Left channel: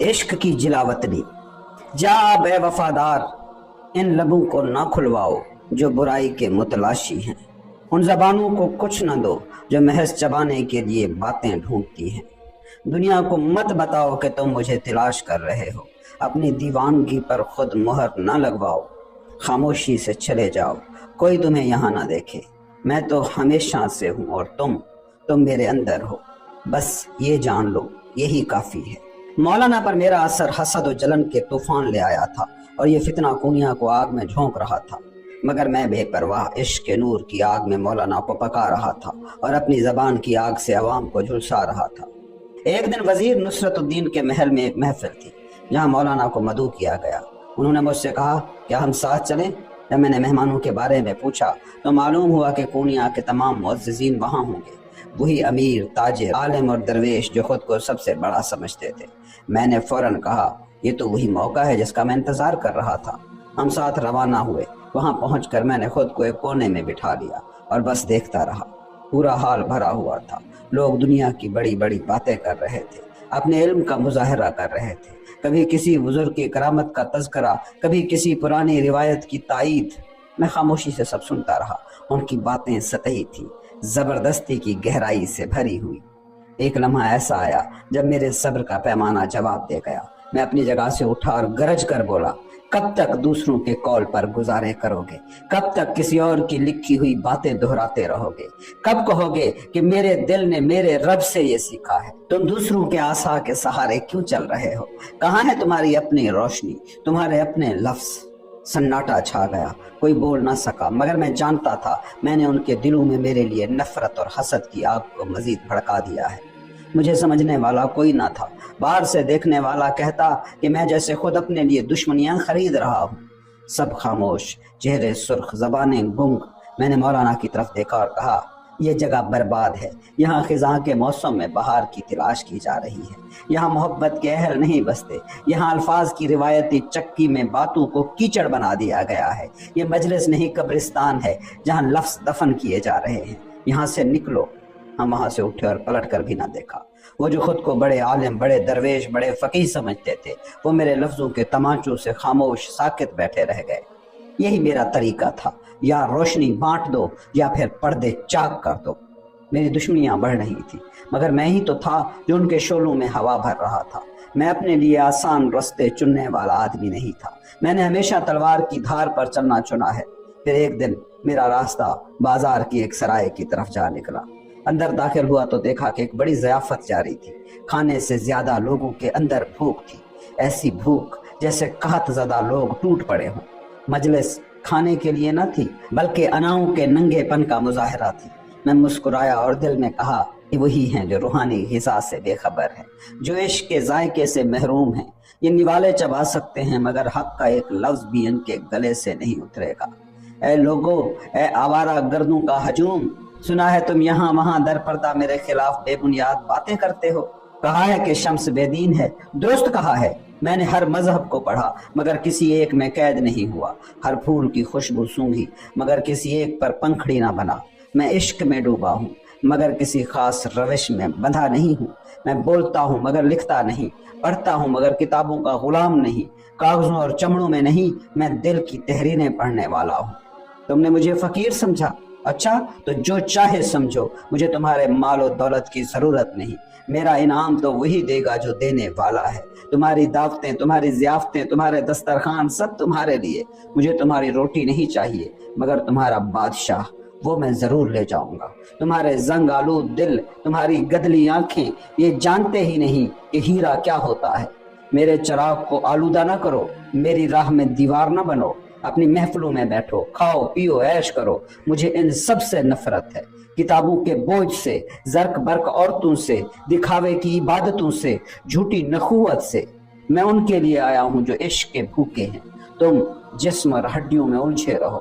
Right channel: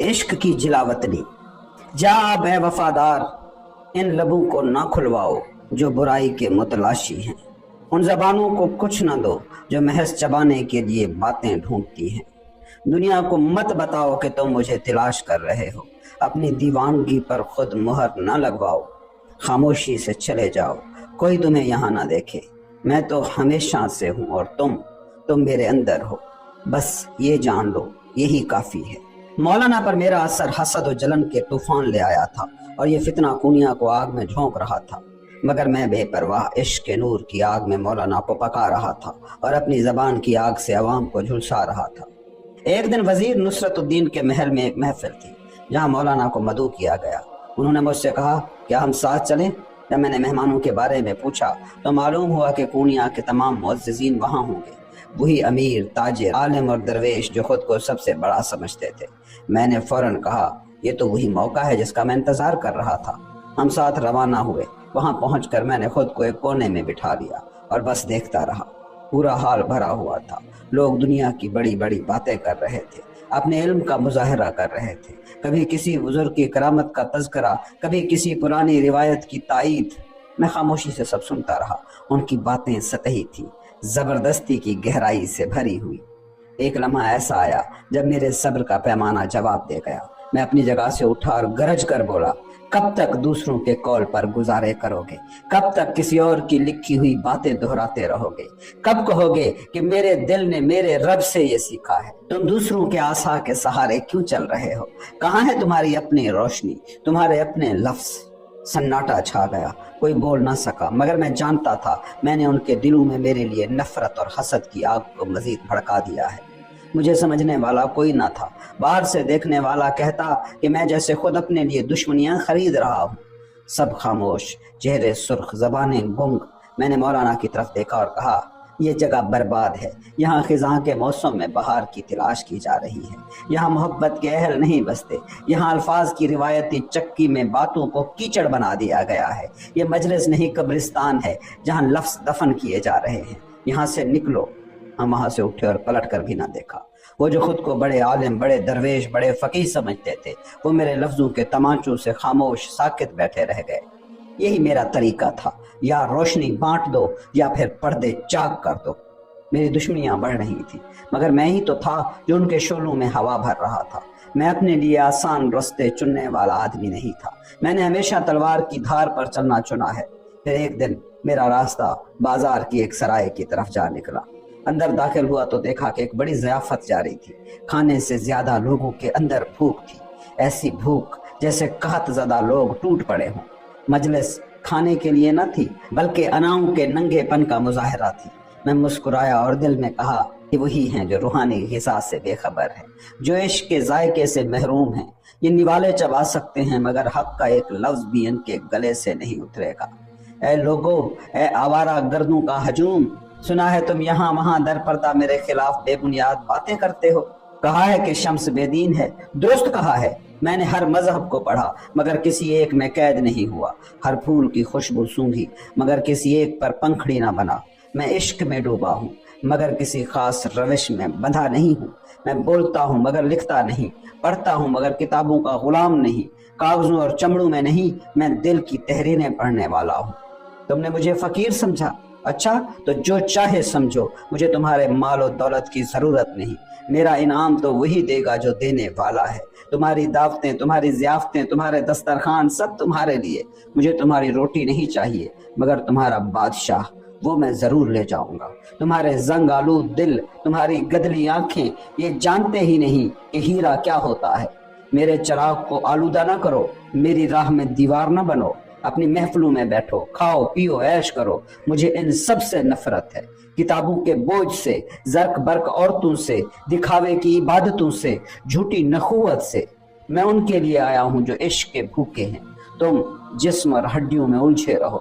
عشق کی جلاوطنی، جا بے وفادار، ان لبوں کو نہ کھلواؤ جو برائی کے متلاشی ہیں، ان زبانوں کو کچھ نہ دو جو محض چبانے کے لیے باتیں ڈھونڈتی ہیں۔ دنیا کو مت بتاؤ کہ تم مجھے تلاش کر رہے ہو، اپنی دیوانگی پر خود مہر نہ لگواؤ، خاموشی سے چلے جاؤ، کوئی تمہیں یہاں نہ دیکھے، میں تو ہمیشہ سے ہوں اور تم میرے اندر ہو، بس یہ جان لو یہی کافی ہے۔ مولانا پر میرا اثر حسد و جلن کے طوفان لے آیا تھا اور یہ فتنہ کونیا کو آگ میں جھونک رہا تھا، مگر میں بے پرواہ عشق کے نور کی آگ میں مولانا کو پکا رہا تھا اور اپنی زبان کی آگ سے عوام کو جھلسا رہا تھا۔ ایک دن وزیر نصرت الدین کے محل میں ایک محفل تھی جہاں مولانا کو مدعو کیا گیا۔ انہوں نے مجھ سے کہا کیا ہم ساتھ چلیں؟ جب میں نے مہمانوں کے بارے میں پوچھا تو معلوم ہوا کہ کونیا کے تمام معززین وہاں ہوں گے، وہی امیر، تاجر، عالم اور درویش جو خود کو سب سے بڑا سمجھتے تھے۔ میں نے فوراً کہا یہ تو وہی موقع ہے جس کا میں انتظار کر رہا تھا۔ ہم ساتھ روانہ ہوئے۔ وہاں پہنچ کر میں نے خود کو ایک کونے میں بٹھا لیا اور بس دیکھتا رہا۔ پورا حال بھرا ہوا تھا، لوگ دنیا کی بڑی بڑی باتیں کر رہے تھے، اپنے علم کا مظاہرہ کر رہے تھے، کبھی کسی بزرگ کی کرامت کا تذکرہ، کبھی کسی پرانی روایت کی تائید۔ میں خاموشی سے سب سنتا رہا۔ ان کی باتیں سطحی تھی، زبردستی کی گہرائی سے بھری ہوئی۔ ایک لمحہ ایسا آیا جب میرے صبر کا پیمانہ جواب دے گیا۔ میں اپنی جگہ سے اٹھا اور گرج کر بولا کب تک دوسروں کے قول پر گزارے کرو گے؟ کب تک کسی اور کی لکھی ہوئی باتیں دہراتے رہو گے؟ کب کہو گے کہ میرے دل نے میرے رب سے یہ سیکھا ہے؟ تم دوسروں کے عصا کے سہارے کیوں چل رہے ہو؟ کہاں ہے تمہاری اپنی روشنی، تمہارے اپنے لفظ؟ سناٹا چھا گیا، کوئی بول نہ سکا، مگر میں جانتا تھا میں نے ان کے دلوں میں میرے لیے نفرت اور حسد کی آگ کو مزید بھڑکا دیا ہے۔ مجھے سمجھنے والا کوئی نہ تھا، باہر سے دیکھنے والا کہتا کہ میں جیسے خود اپنے لیے دشمنیاں خرید رہا ہوں۔ سب خاموش، چہرے سرخ، زبانیں گنگ۔ میں نے مولانا کی طرف دیکھا اور کہا یہ جگہ برباد ہے، یہاں خزاں کے موسم میں بہار کی تلاش کی جا رہی ہے، یہاں محبت کے اہل نہیں بستے، یہاں الفاظ کی روایتی چکی میں باتوں کو کیچڑ بنا دیا گیا ہے، یہ مجلس نہیں قبرستان ہے جہاں لفظ دفن کیے جا رہے ہیں، یہاں سے نکلو۔ ہم وہاں سے اٹھے اور پلٹ کر بھی نہ دیکھا۔ وہ جو خود کو بڑے عالم، بڑے درویش، بڑے فقیہ سمجھتے تھے، وہ میرے لفظوں کے تمانچوں سے خاموش ساکت بیٹھے رہ گئے۔ یہی میرا طریقہ تھا، یا روشنی بانٹ دو یا پھر پردے چاک کر دو۔ میری دشمنیاں بڑھ رہی تھی، مگر میں ہی تو تھا جو ان کے شعلوں میں ہوا بھر رہا تھا۔ میں اپنے لیے آسان رستے چننے والا آدمی نہیں تھا، میں نے ہمیشہ تلوار کی دھار پر چلنا چنا ہے۔ پھر ایک دن میرا راستہ بازار کی ایک سرائے کی طرف جا نکلا۔ اندر داخل ہوا تو دیکھا کہ ایک بڑی ضیافت جاری تھی۔ کھانے سے زیادہ لوگوں کے اندر بھوک تھی، ایسی بھوک جیسے قحط زدہ لوگ ٹوٹ پڑے ہوں۔ مجلس کھانے کے لیے نہ تھی بلکہ اناؤں کے ننگے پن کا مظاہرہ تھی۔ میں مسکرایا اور دل میں کہا کہ وہی ہیں جو روحانی غذا سے بے خبر ہے، جو عشق کے ذائقے سے محروم ہیں۔ یہ نوالے چبا سکتے ہیں مگر حق کا ایک لفظ بھی ان کے گلے سے نہیں اترے گا۔ اے لوگوں، اے آوارہ گردوں کا ہجوم، سنا ہے تم یہاں وہاں در پردہ میرے خلاف بے بنیاد باتیں کرتے ہو۔ کہا ہے کہ شمس بے دین ہے، درست کہا ہے۔ میں نے ہر مذہب کو پڑھا مگر کسی ایک میں قید نہیں ہوا، ہر پھول کی خوشبو سونگھی مگر کسی ایک پر پنکھڑی نہ بنا۔ میں عشق میں ڈوبا ہوں مگر کسی خاص روش میں بندھا نہیں ہوں۔ میں بولتا ہوں مگر لکھتا نہیں، پڑھتا ہوں مگر کتابوں کا غلام نہیں، کاغذوں اور چمڑوں میں نہیں، میں دل کی تحریریں پڑھنے والا ہوں۔ تم نے مجھے فقیر سمجھا؟ اچھا تو جو چاہے سمجھو، مجھے تمہارے مال و دولت کی ضرورت نہیں، میرا انعام تو وہی دے گا جو دینے والا ہے۔ تمہاری دعوتیں، تمہاری ضیافتیں، تمہارے دسترخوان سب تمہارے لیے، مجھے تمہاری روٹی نہیں چاہیے مگر تمہارا بادشاہ وہ میں ضرور لے جاؤں گا۔ تمہارے زنگ آلود دل، تمہاری گدلی آنکھیں یہ جانتے ہی نہیں کہ ہیرا کیا ہوتا ہے۔ میرے چراغ کو آلودہ نہ کرو، میری راہ میں دیوار نہ بنو، اپنی محفلوں میں بیٹھو، کھاؤ پیو عیش کرو، مجھے ان سب سے نفرت ہے، کتابوں کے بوجھ سے، زرق برق عورتوں سے، دکھاوے کی عبادتوں سے، جھوٹی نخوت سے۔ میں ان کے لیے آیا ہوں جو عشق کے بھوکے ہیں، تم جسم اور ہڈیوں میں الجھے رہو۔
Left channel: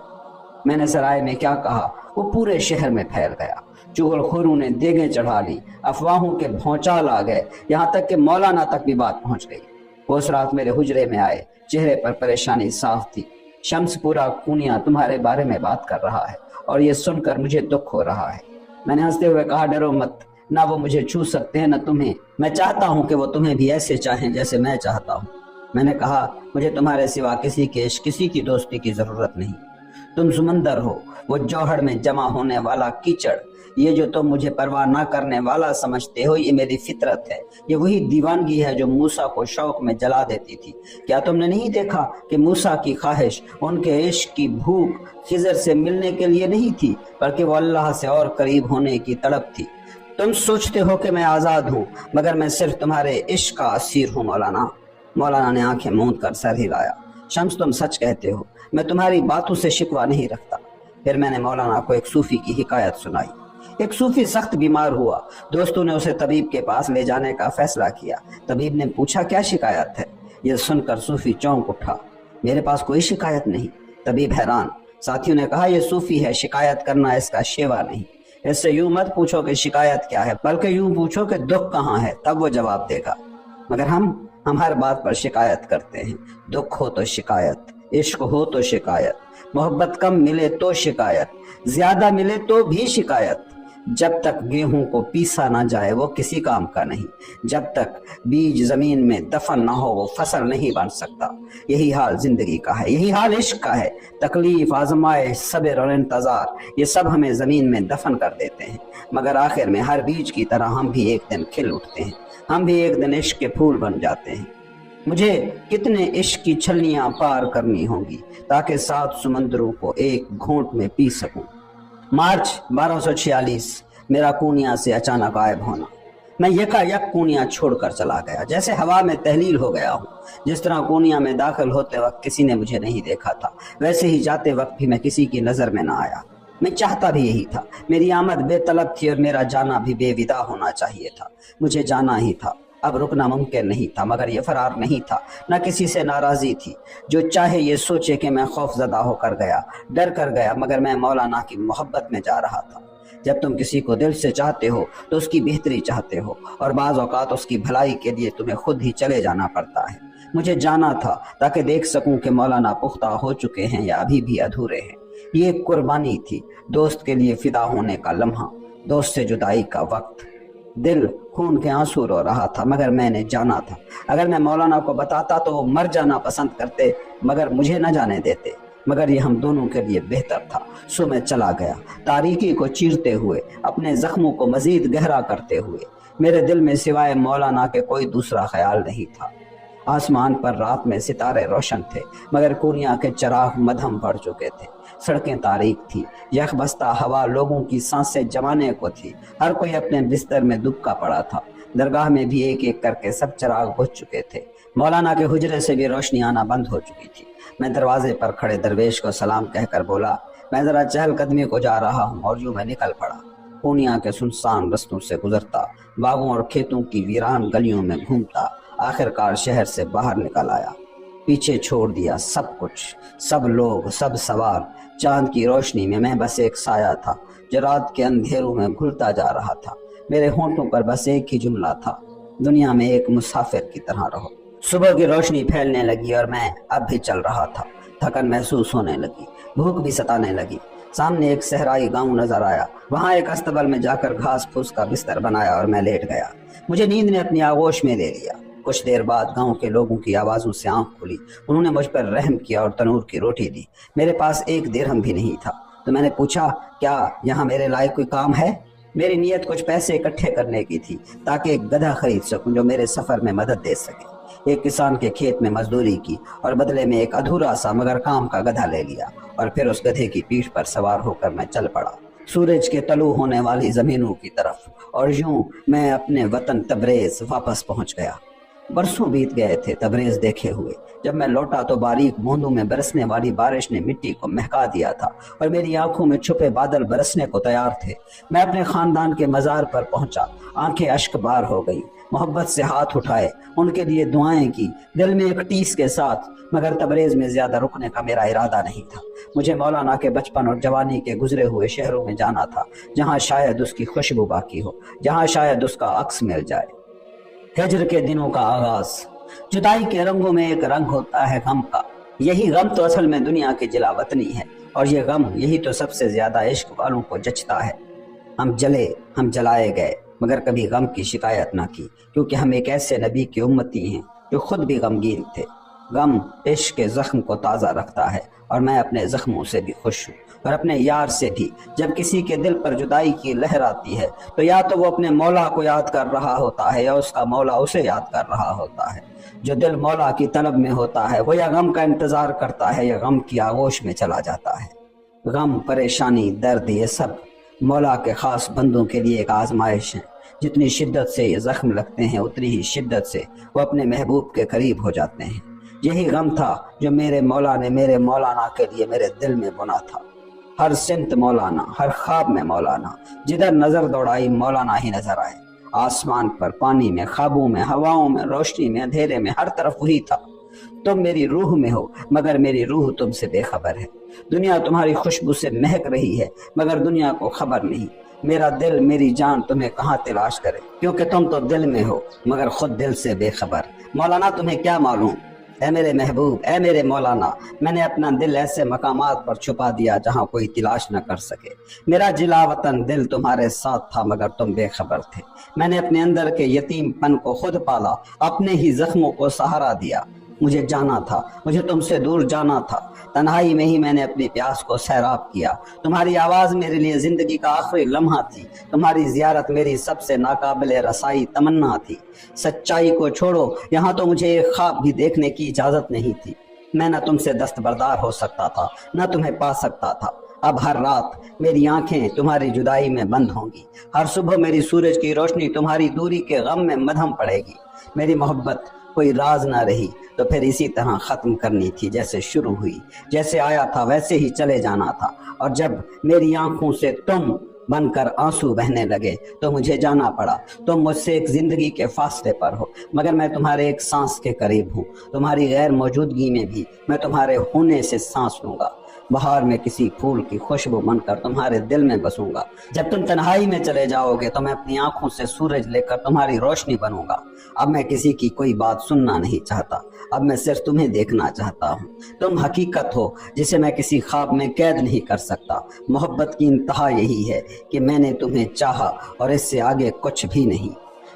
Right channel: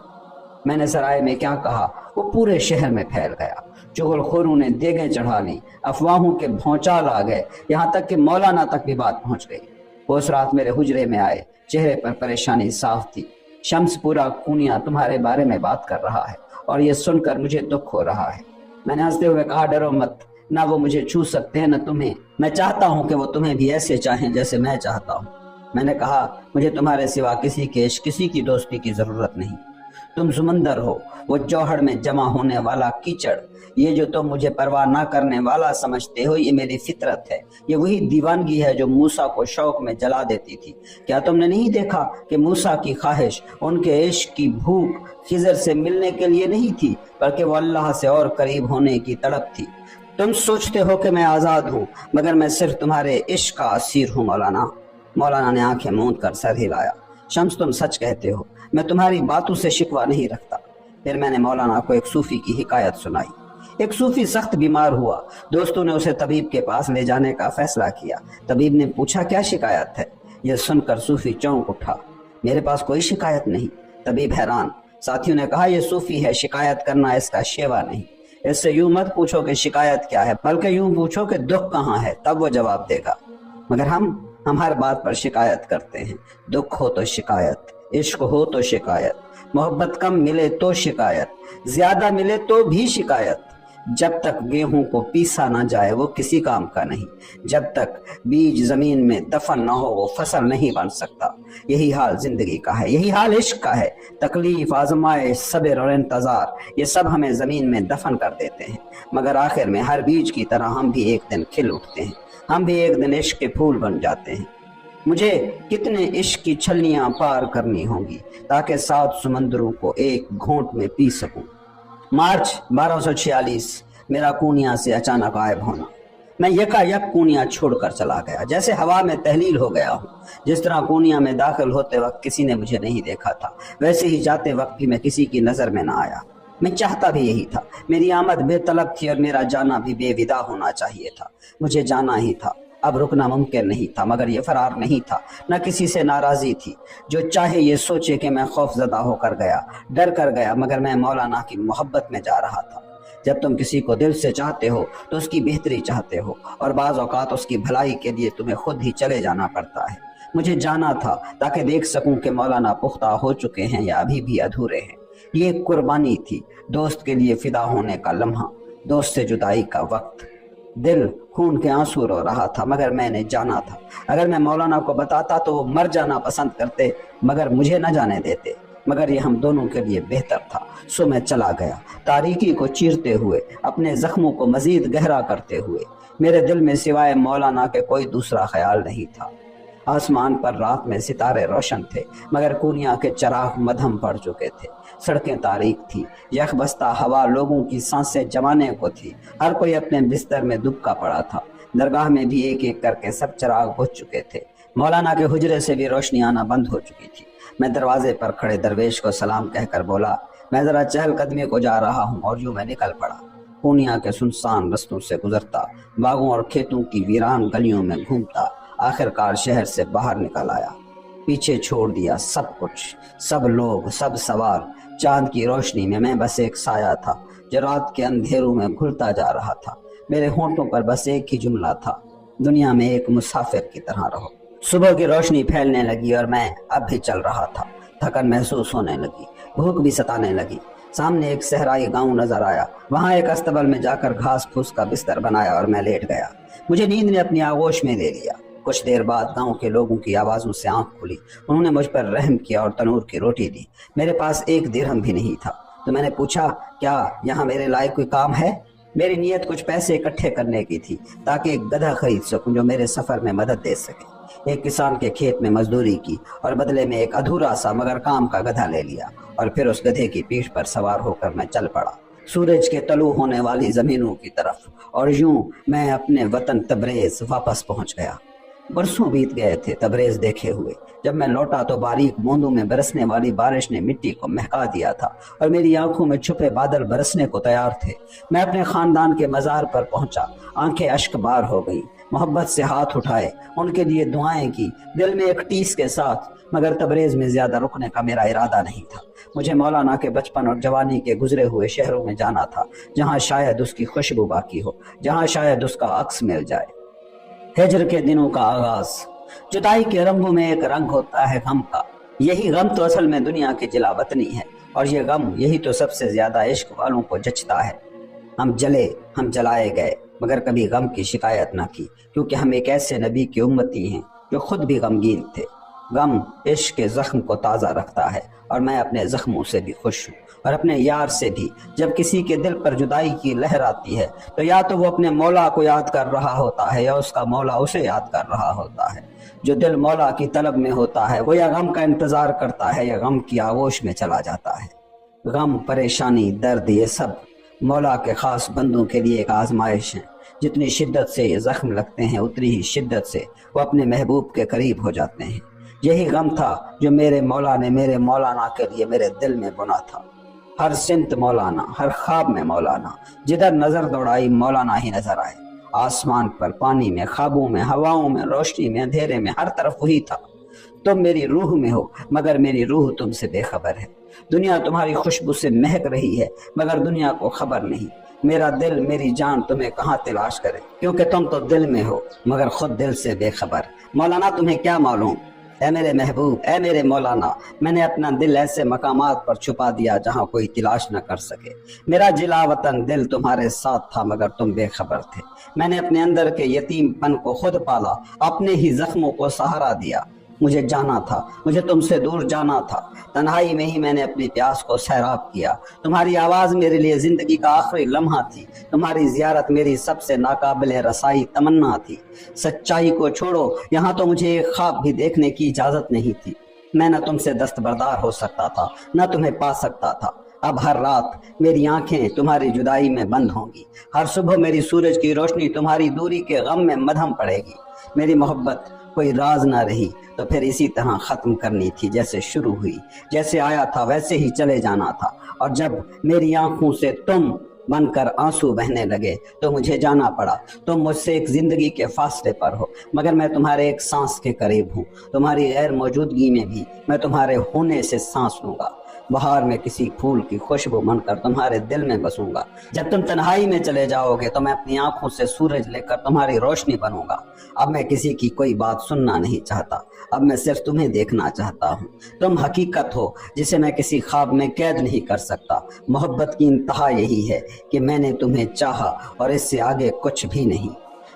میں نے سرائے میں کیا کہا وہ پورے شہر میں پھیل گیا، چغل خوروں نے دیگیں چڑھا لی، افواہوں کے بھونچال آ گئے، یہاں تک کہ مولانا تک بھی بات پہنچ گئی۔ وہ اس رات میرے حجرے میں آئے، چہرے پر پریشانی صاف تھی۔ شمس پورا کونیا تمہارے بارے میں بات کر رہا ہے اور یہ سن کر مجھے دکھ ہو رہا ہے۔ میں نے ہنستے ہوئے کہا ڈرو مت، نہ وہ مجھے چھو سکتے ہیں نہ تمہیں. میں چاہتا ہوں کہ وہ تمہیں بھی ایسے چاہیں جیسے میں چاہتا ہوں. میں نے کہا مجھے تمہارے سوا کسی کے عشق کسی کی دوستی کی ضرورت نہیں. تم سمندر ہو، وہ جوہر میں جمع ہونے والا کیچڑ. یہ جو تم مجھے پرواہ نہ کرنے والا سمجھتے ہو یہ میری فطرت ہے. یہ وہی دیوانگی ہے جو موسیٰ کو شوق میں جلا دیتی تھی. کیا تم نے نہیں دیکھا کہ موسیٰ کی خواہش، ان کے عشق کی بھوک خضر سے ملنے کے لیے نہیں تھی بلکہ وہ اللہ سے اور قریب ہونے کی تڑپ تھی. تم سوچتے ہو کہ میں آزاد ہوں مگر میں صرف تمہارے عشق کا اسیر ہوں مولانا. مولانا نے آنکھیں موند کر سر ہلایا. شمس تم سچ کہتے ہو، میں تمہاری باتوں سے شکوہ نہیں رکھتا. پھر میں نے مولانا کو ایک صوفی کی حکایت سنائی. ایک صوفی سخت بیمار ہوا. دوستوں نے اسے طبیب کے پاس لے جانے کا فیصلہ کیا. طبیب نے پوچھا کیا شکایت ہے؟ یہ سن کر صوفی چونک اٹھا. میرے پاس کوئی شکایت نہیں. طبیب حیران. ساتھیوں نے کہا یہ صوفی ہے، شکایت کرنا اس کا شیوا نہیں. اس سے یوں مت پوچھو کہ شکایت کیا ہے بلکہ یوں پوچھو کہ دکھ کہاں ہے، تب وہ جواب دے گا. مگر ہم ہر بات پر شکایت کرتے ہیں. دکھ ہو تو شکایت، عشق ہو تو شکایت، محبت کم ملے تو شکایت، زیادہ ملے تو بھی شکایت. جب تک گیہوں کو پیسا نہ جائے وہ کسی کام کا نہیں. جب تک بیج زمین میں دفن نہ ہو وہ فصل نہیں بن سکتا. یہی حال زندگی کا ہے، یہی حال عشق کا ہے. تکلیف، آزمائش، صبر اور انتظار، یہ سب ہمیں زمین میں دفن کر دیتے ہیں. مگر آخر میں ہر بیج کی طرح ہم بھی ایک دن کھل اٹھتے ہیں. ہم بھی ایک دن عشق کے پھول بن جاتے ہیں. مجھے کتنے عشق کی چھلیاں پار کرنی ہوں گی تاکہ 7 سمندروں کو ایک گھونٹ میں پی سکوں. مارچ 1246 میرا کونیا سے اچانک غائب ہونا. میں یکا یک کونیا چھوڑ کر چلا گیا، جیسے ہوا میں تحلیل ہو گیا ہوں. جس طرح کونیا میں داخل ہوتے وقت کسی نے مجھے نہیں دیکھا تھا ویسے ہی جاتے وقت بھی میں کسی کی نظر میں نہ آیا. میں چاہتا بھی یہی تھا. میری آمد بے طلب تھی اور میرا جانا بھی بے ودا ہونا چاہیے تھا. مجھے جانا ہی تھا. اب رکنا ممکن نہیں تھا مگر یہ فرار نہیں تھا. نہ کسی سے ناراضی تھی. جو چاہے یہ سوچے کہ میں خوف زدہ ہو کر گیا، ڈر کر گیا، مگر میں مولانا کی محبت میں جا رہا تھا. جب تم کسی کو دل سے چاہتے ہو تو اس کی بہتری چاہتے ہو اور بعض اوقات اس کی بھلائی کے لیے تمہیں خود ہی چلے جانا پڑتا ہے. مجھے جانا تھا تاکہ دیکھ سکوں کہ مولانا پختہ ہو چکے ہیں یا ابھی بھی ادھورے ہیں. یہ ایک قربانی تھی، دوست کے لیے فدا ہونے کا لمحہ، دوست سے جدائی کا وقت. دل خون کے آنسو رو رہا تھا مگر میں نے جانا تھا. اگر میں مولانا کو بتاتا تو وہ مر جانا پسند کرتے مگر مجھے نہ جانے دیتے. مگر یہ ہم دونوں کے لیے بہتر تھا. سو میں چلا گیا، تاریکی کو چیرتے ہوئے، اپنے زخموں کو مزید گہرا کرتے ہوئے. میرے دل میں سوائے مولانا کے کوئی دوسرا خیال نہیں تھا. آسمان پر رات میں ستارے روشن تھے مگر کونیا کے چراغ مدھم پڑ چکے تھے. سڑکیں تاریک تھی، یک بستہ ہوا لوگوں کی سانسیں جمانے کو تھی. ہر کوئی اپنے بستر میں دبکا پڑا تھا. درگاہ میں بھی ایک ایک کر کے سب چراغ بجھ چکے تھے. مولانا کے حجرے سے بھی روشنی آنا بند ہو چکی تھی. میں دروازے پر کھڑے درویش کو سلام کہہ کر بولا میں ذرا چہل قدمی کو جا رہا ہوں، اور یوں میں نکل پڑا. پونیا کے سنسان رستوں سے گزرتا، باغوں اور کھیتوں کی ویران گلیوں میں گھومتا، آخرکار شہر سے باہر نکل آیا. پیچھے چھوڑ دیا سب کچھ، سب لوگ، سب سوار. چاند کی روشنی میں میں بس ایک سایہ تھا جو رات کے اندھیروں میں گھلتا جا رہا تھا. میرے ہونٹوں پر بس ایک ہی جملہ تھا، دنیا میں ایک مسافر کی طرح رہو. صبح کی روشنی پھیلنے لگی اور میں اب بھی چل رہا تھا. تھکن محسوس ہونے لگی، بھوک بھی ستانے لگی. سامنے ایک صحرائی گاؤں نظر آیا. وہاں ایک استبل میں جا کر گھاس پھوس کا بستر بنایا اور میں لیٹ گیا. مجھے نیند نے اپنی آغوش میں لے لیا. کچھ دیر بعد گاؤں کے لوگوں کی آوازوں سے آنکھ کھلی. انہوں نے مجھ پر رحم کیا اور تنور کی روٹی دی. میرے پاس 1 درہم بھی نہیں تھا تو میں نے پوچھا کیا یہاں میرے لائق کوئی کام ہے؟ میری نیت کچھ پیسے اکٹھے کرنے کی تھی تاکہ ایک گدھا خرید سکوں جو میرے سفر میں مدد دے سکے. ایک کسان کے کھیت میں مزدوری کی اور بدلے میں ایک ادھورا سا مگر کام کا گدھا لے لیا اور پھر اس گدھے کی پیٹھ پر سوار ہو کر میں چل پڑا سورج کے طلوع ہونے والی زمینوں کی طرف. اور یوں میں اپنے وطن تبریز واپس پہنچ گیا. برسوں بیت گئے تھے تبریز دیکھے ہوئے. جب میں لوٹا تو باریک بوندوں میں برسنے والی بارش نے مٹی کو مہکا دیا تھا اور میری آنکھوں میں چھپے بادل برسنے کو تیار تھے. میں اپنے خاندان کے مزار پر پہنچا. آنکھیں اشک بار ہو گئی. محبت سے ہاتھ اٹھائے، ان کے لیے دعائیں کی، دل میں ایک ٹیس کے ساتھ. مگر تبریز میں زیادہ رکنے کا میرا ارادہ نہیں تھا. مجھے مولانا کے بچپن اور جوانی کے گزرے ہوئے شہروں میں جانا تھا جہاں شاید اس کی خوشبو باقی ہو، جہاں شاید اس کا عکس مل جائے. ہجر کے دنوں کا آغاز. جدائی کے رنگوں میں ایک رنگ ہوتا ہے غم کا. یہی غم تو اصل میں دنیا کی جلا وطنی ہے اور یہ غم یہی تو سب سے زیادہ عشق والوں کو جچتا ہے. ہم جلے، ہم جلائے گئے، مگر کبھی غم کی شکایت نہ کی، کیونکہ ہم ایک ایسے نبی کی امتی ہیں جو خود بھی غمگین تھے۔ غم عشق کے زخم کو تازہ رکھتا ہے، اور میں اپنے زخموں سے بھی خوش ہوں، اور اپنے یار سے بھی۔ جب کسی کے دل پر جدائی کی لہر آتی ہے تو یا تو وہ اپنے مولا کو یاد کر رہا ہوتا ہے یا اس کا مولا اسے یاد کر رہا ہوتا ہے۔ جو دل مولا کی طلب میں ہوتا ہے وہ یا غم کا انتظار کرتا ہے یا غم کی آغوش میں چلا جاتا ہے۔ غم، پریشانی، درد، یہ سب مولا کے خاص بندوں کے لیے ایک آزمائش ہے۔ جتنی شدت سے یہ زخم لگتے ہیں اتنی ہی شدت سے وہ اپنے محبوب کے قریب ہو جاتے ہیں۔ یہی غم تھا جو میرے مولا نے میرے مولانا کے لیے میرے دل میں بنا تھا۔ ہر سمت مولانا، ہر خواب میں مولانا، جدھر نظر دوڑائی مولانا ہی نظر آئے۔ آسمان پر، پانی میں، خوابوں میں، ہواؤں میں، روشنی میں، اندھیرے میں، ہر طرف وہی تھا۔ تم میری روح میں ہو مگر میری روح تم سے بے خبر ہے۔ دنیا تمہاری خوشبو سے مہک رہی ہے مگر دنیا کو خبر نہیں۔ میرا دل، میری جان تمہیں کہاں تلاش کرے، کیونکہ تم تو دل میں ہو مگر خود دل سے بے خبر۔ مولانا تمہیں کیا معلوم، اے میرے محبوب، اے میرے مولانا، میں نے اپنا دل ایسے مقامات پر چھپا دیا جہاں کوئی تلاش نہ کر سکے۔ میرا جلا وطن دل تمہارے ساتھ تھا مگر تم بے خبر تھے۔ میں نے اپنے اندر کے یتیم پن کو خود پالا، اپنے ہی زخموں کو سہارا دیا۔ مجھے جانا تھا، مجھے تم سے دور جانا تھا، تنہائی میں ہی میں نے اپنی پیاس کو سیراب کیا۔ تمہاری آواز میرے لیے زندگی کا آخری لمحہ تھی، تمہاری زیارت میری سب سے ناقابل رسائی تمنا تھی۔ سچائی کو چھوڑو، یہاں تو مجھے ایک خواب بھی دیکھنے کی اجازت نہیں تھی۔ میں نہ تم سے دستبردار ہو سکتا تھا نہ تمہیں پا سکتا تھا۔ اب ہر رات میری آنکھیں تمہاری جدائی میں بند ہوں گی، ہر صبح میری سورج کی روشنی تمہاری دوری کے غم میں مدھم پڑے گی۔ میری محبت کوئی راز نہ رہی تو پھر اسی طرح ختم کرنی تھی جیسے شروع ہوئی، جیسے آیا تھا ویسے ہی چلے جانا تھا۔ اور جب میری آنکھوں سے تم بن کر آنسو بہنے لگے تو مجھے جانا پڑا۔ تم مجھ سے ایک زندگی کے فاصلے پر ہو مگر میں تمہارے ایک سانس کے قریب ہوں۔ تمہاری غیر موجودگی میں بھی میں تمہارے ہونے سے سانس لوں گا۔ بہار میں کسی پھول کی خوشبو بن کر تمہارے دل میں بسوں گا۔ جب تم تنہائی میں چلے جاؤ گے تو میں اپنی آنکھوں سے سورج لے کر تمہاری روشنی بنوں گا۔ اب میں کسی کی کوئی بات سننا نہیں چاہتا، اب میں صرف تمہیں دیکھنا چاہتا ہوں۔ تم حقیقت ہو جسے میں کسی خواب میں قید نہیں کر سکتا۔ محبت کی انتہا یہی ہے کہ میں نے تمہیں چاہا اور اس سے آگے کچھ بھی نہیں۔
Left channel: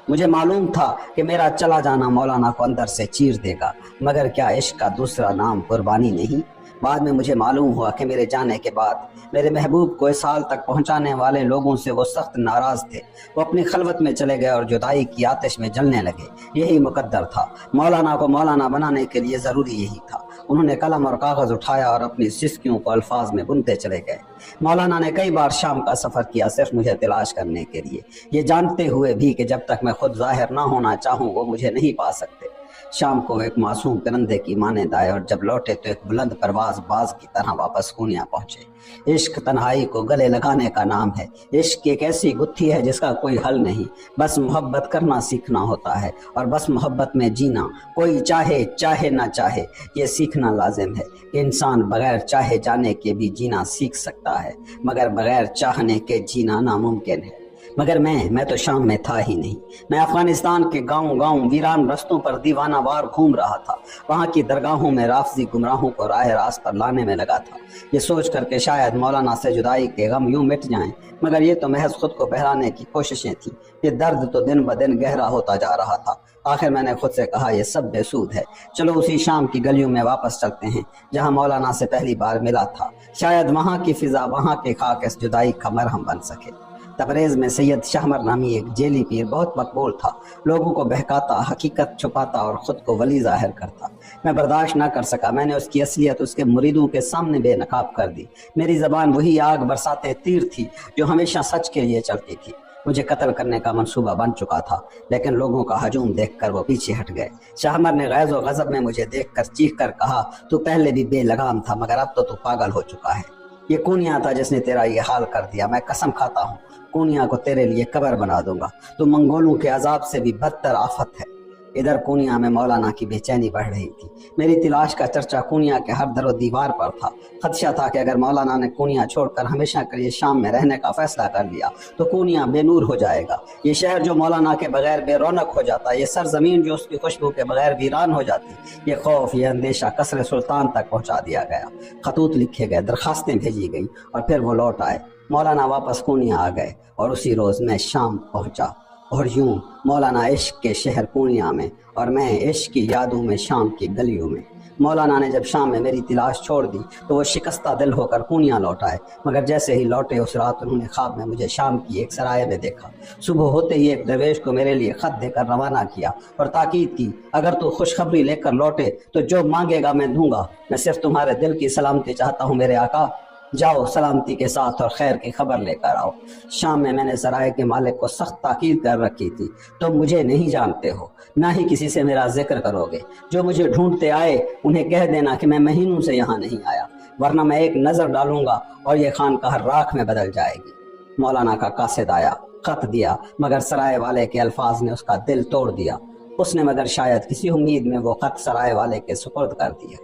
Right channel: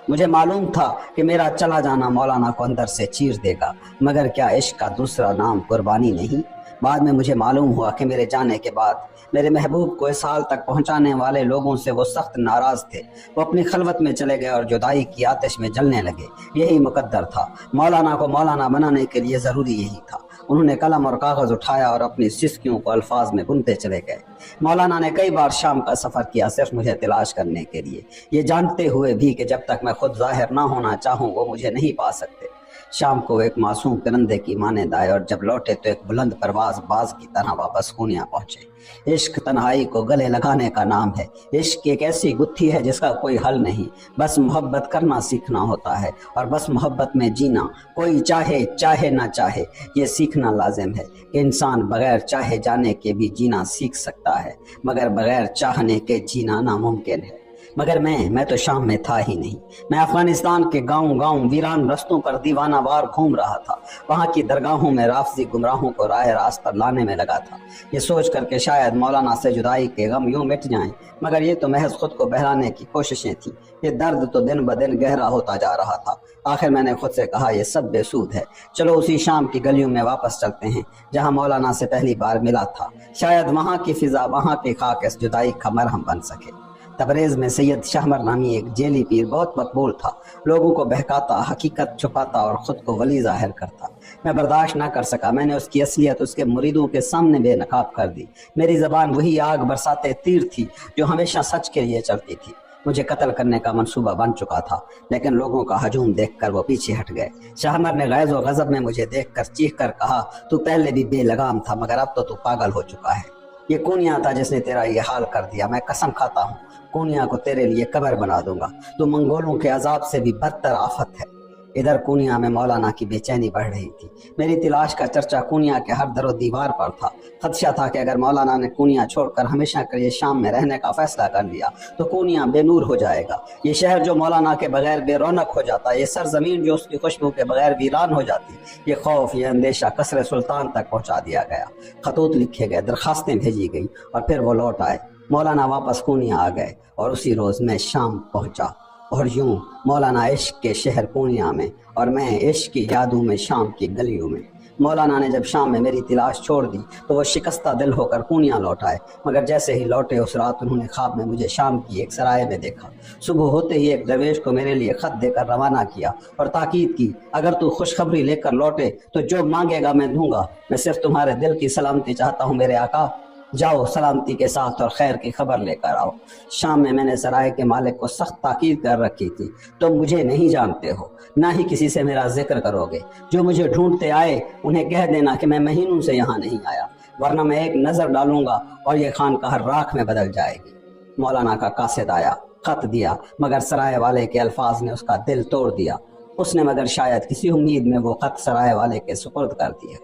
مجھے معلوم تھا کہ میرا چلا جانا مولانا کو اندر سے چیر دے گا، مگر کیا عشق کا دوسرا نام قربانی نہیں؟ بعد میں مجھے معلوم ہوا کہ میرے جانے کے بعد میرے محبوب کو اس حال تک پہنچانے والے لوگوں سے وہ سخت ناراض تھے۔ وہ اپنی خلوت میں چلے گئے اور جدائی کی آتش میں جلنے لگے۔ یہی مقدر تھا، مولانا کو مولانا بنانے کے لیے ضروری یہی تھا۔ انہوں نے قلم اور کاغذ اٹھایا اور اپنی سسکیوں کو الفاظ میں بنتے چلے گئے۔ مولانا نے کئی بار شام کا سفر کیا صرف مجھے تلاش کرنے کے لیے، یہ جانتے ہوئے بھی کہ جب تک میں خود ظاہر نہ ہونا چاہوں وہ مجھے نہیں پا سکتے۔ شام کو ایک معصوم پرندے کی مانند آئے اور جب لوٹے تو ایک بلند پرواز باز کی طرح واپس کونیا پہنچے۔ عشق تنہائی کو گلے لگانے کا نام ہے۔ عشق ایک ایسی گتھی ہے جس کا کوئی حل نہیں، بس محبت کرنا سیکھنا ہوتا ہے اور بس محبت میں جینا۔ کوئی چاہے چاہے نہ چاہے یہ سیکھنا لازم ہے کہ انسان بغیر چاہے جانے کے بھی جینا سیکھ سکتا ہے، مگر بغیر چاہنے کے جینا ناممکن ہے۔ مگر میں تو شام میں تھا ہی نہیں۔ میں افغانستان کے گاؤں ویران رستوں پر دیوانہ وار گھوم رہا تھا۔ وہاں کی درگاہوں میں رافضی گمراہوں کو راہ راست پر لانے میں لگا تھا، یہ سوچ کر کہ شاید مولانا سے جدائی کے غم یوں مٹ جائیں، مگر یہ تو محض خود کو بہلانے کی کوششیں تھیں۔ یہ درد تو دن بدن گہرا ہوتا جا رہا تھا۔ آخر میں نے خود سے کہا یہ سب بے سود ہے، چلو اسی شام کی گلیوں میں واپس چلتے ہیں جہاں مولانا سے پہلی بار ملا تھا۔ شاید وہاں کی فضا، وہاں کی خاک اس جدائی کا مرہم بن سکے۔ تبریز میں سید شہمر نامی ایک جیلی پیر بہت مقبول تھا، لوگوں کو بہکاتا، حقیقت چھپاتا اور خود کو ولی ظاہر کرتا۔ میں برداشت نہ کر سکا، میں نے اس کی اصلیت اس کے مریدوں کے سامنے بے نقاب کر دی۔ میری زبان وہی آگ برساتے تیر تھی جو ہمیشہ سچ کے لیے چلتی تھی۔ مجھے قتل کرنے کا منصوبہ بن چکا تھا، لیکن لوگوں کا ہجوم دیکھ کر وہ پیچھے ہٹ گئے۔ شہمر نے غیظ و غضب میں مجھے دیکھ کر چیخ کر کہا، تو پہلے بھی بے لگام تھا مگر اب تو پاگل ہو چکا ہے۔ یہ کونیا تھا جس نے تیرا یہ حال کر دیا۔ میں قسم کھاتا ہوں کونیا کو تیرے لیے قبر بنا دوں گا، تو منگولوں کے عذاب سے بھی بدتر آفت ہے۔ ادھر کونیا میں مولانا کی بے چینی بڑھ رہی تھی۔ میری تلاش کا چرچا کونیا کے ہر در و دیوار پر تھا۔ خدشہ تھا کہ اگر مولانا نے کونیا چھوڑ کر ہمیشہ کے لیے شام میں رہنے کا فیصلہ کر لیا تو کونیا بے نور ہو جائے گا۔ یہ شہر جو مولانا کے بغیر بے رونق ہو جاتا، یہ سرزمین جو اس کی خوشبو کے بغیر ویران ہو جاتی، یہ خوف، یہ اندیشہ قصر سلطان تک پہنچا دیا گیا۔ خطوط لکھے گئے، درخواستیں بھیجی گئی اور پھر وہ لوٹ آئے۔ مولانا واپس کونیا آ گئے اور اسی روز میں شام پہنچا۔ اور یوں مولانا عشق کے شہر پورنیہ میں اور میں عشق کی یادوں میں شام کی گلیوں میں۔ مولانا نے جب شام میں میری تلاش چھوڑ دی تو وہ شکستہ دل ہو کر پورنیہ لوٹ آئے، مگر جیسے ہی لوٹے اس رات انہوں نے خواب میں مجھے شام کی ایک سرائے میں دیکھا۔ صبح ہوتے ہی ایک درویش کو میرے لیے خط دے کر روانہ کیا اور تاکید کی، اگر تو خوشخبری لے کر لوٹے تو جو مانگے گا میں دوں گا، میں صرف تمہارے دل کی سلامتی چاہتا ہوں میرے آقا، جاؤ سلامتی کے ساتھ اور خیر کی خبر لے کر آؤ۔ شام میں نے سرائے کے مالک کو سخت تاکید کر رکھی تھی، تم مجھے نہیں جانتے ہو، نہ ہی کسی سے میرا ذکر کرو گے، جو مجھے ڈھونڈتے آئے انہیں کہہ دینا کہ میں مہینوں سے یہاں نہیں آیا، ورنہ میں ایک نظر ڈالوں گا اور یہ خانقاہ راکھ میں بدل جائے گی۔ مولانا کا قاصد آیا، خط دیا، مگر سرائے والے کے الفاظ نے اس کا دل توڑ دیا۔ اس نے مگر شاید کسی امید میں وہ خط سرائے والے کے سپرد کر دیا۔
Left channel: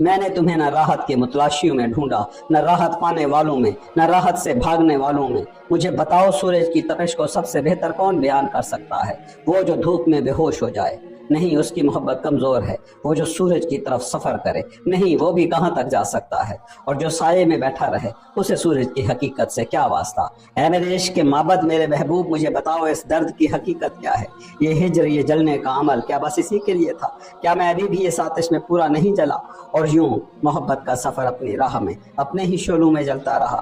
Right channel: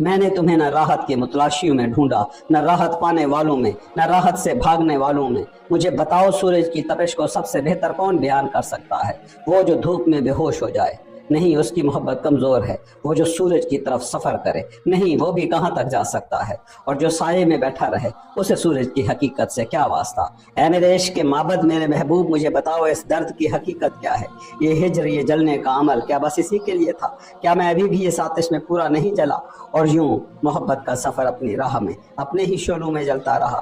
میں نے تمہیں نہ راحت کے متلاشیوں میں ڈھونڈا، نہ راحت پانے والوں میں، نہ راحت سے بھاگنے والوں میں۔ مجھے بتاؤ سورج کی تپش کو سب سے بہتر کون بیان کر سکتا ہے؟ وہ جو دھوپ میں بے ہوش ہو جائے، نہیں اس کی محبت کمزور ہے۔ وہ جو سورج کی طرف سفر کرے، نہیں وہ بھی کہاں تک جا سکتا ہے۔ اور جو سائے میں بیٹھا رہے، اسے سورج کی حقیقت سے کیا واسطہ؟ اے میرے عشق کے معبد، میرے محبوب، مجھے بتاؤ اس درد کی حقیقت کیا ہے؟ یہ ہجر، یہ جلنے کا عمل کیا بس اسی کے لیے تھا؟ کیا میں ابھی بھی اس آتش میں پورا نہیں جلا؟ اور یوں محبت کا سفر اپنی راہ میں اپنے ہی شعلوں میں جلتا رہا۔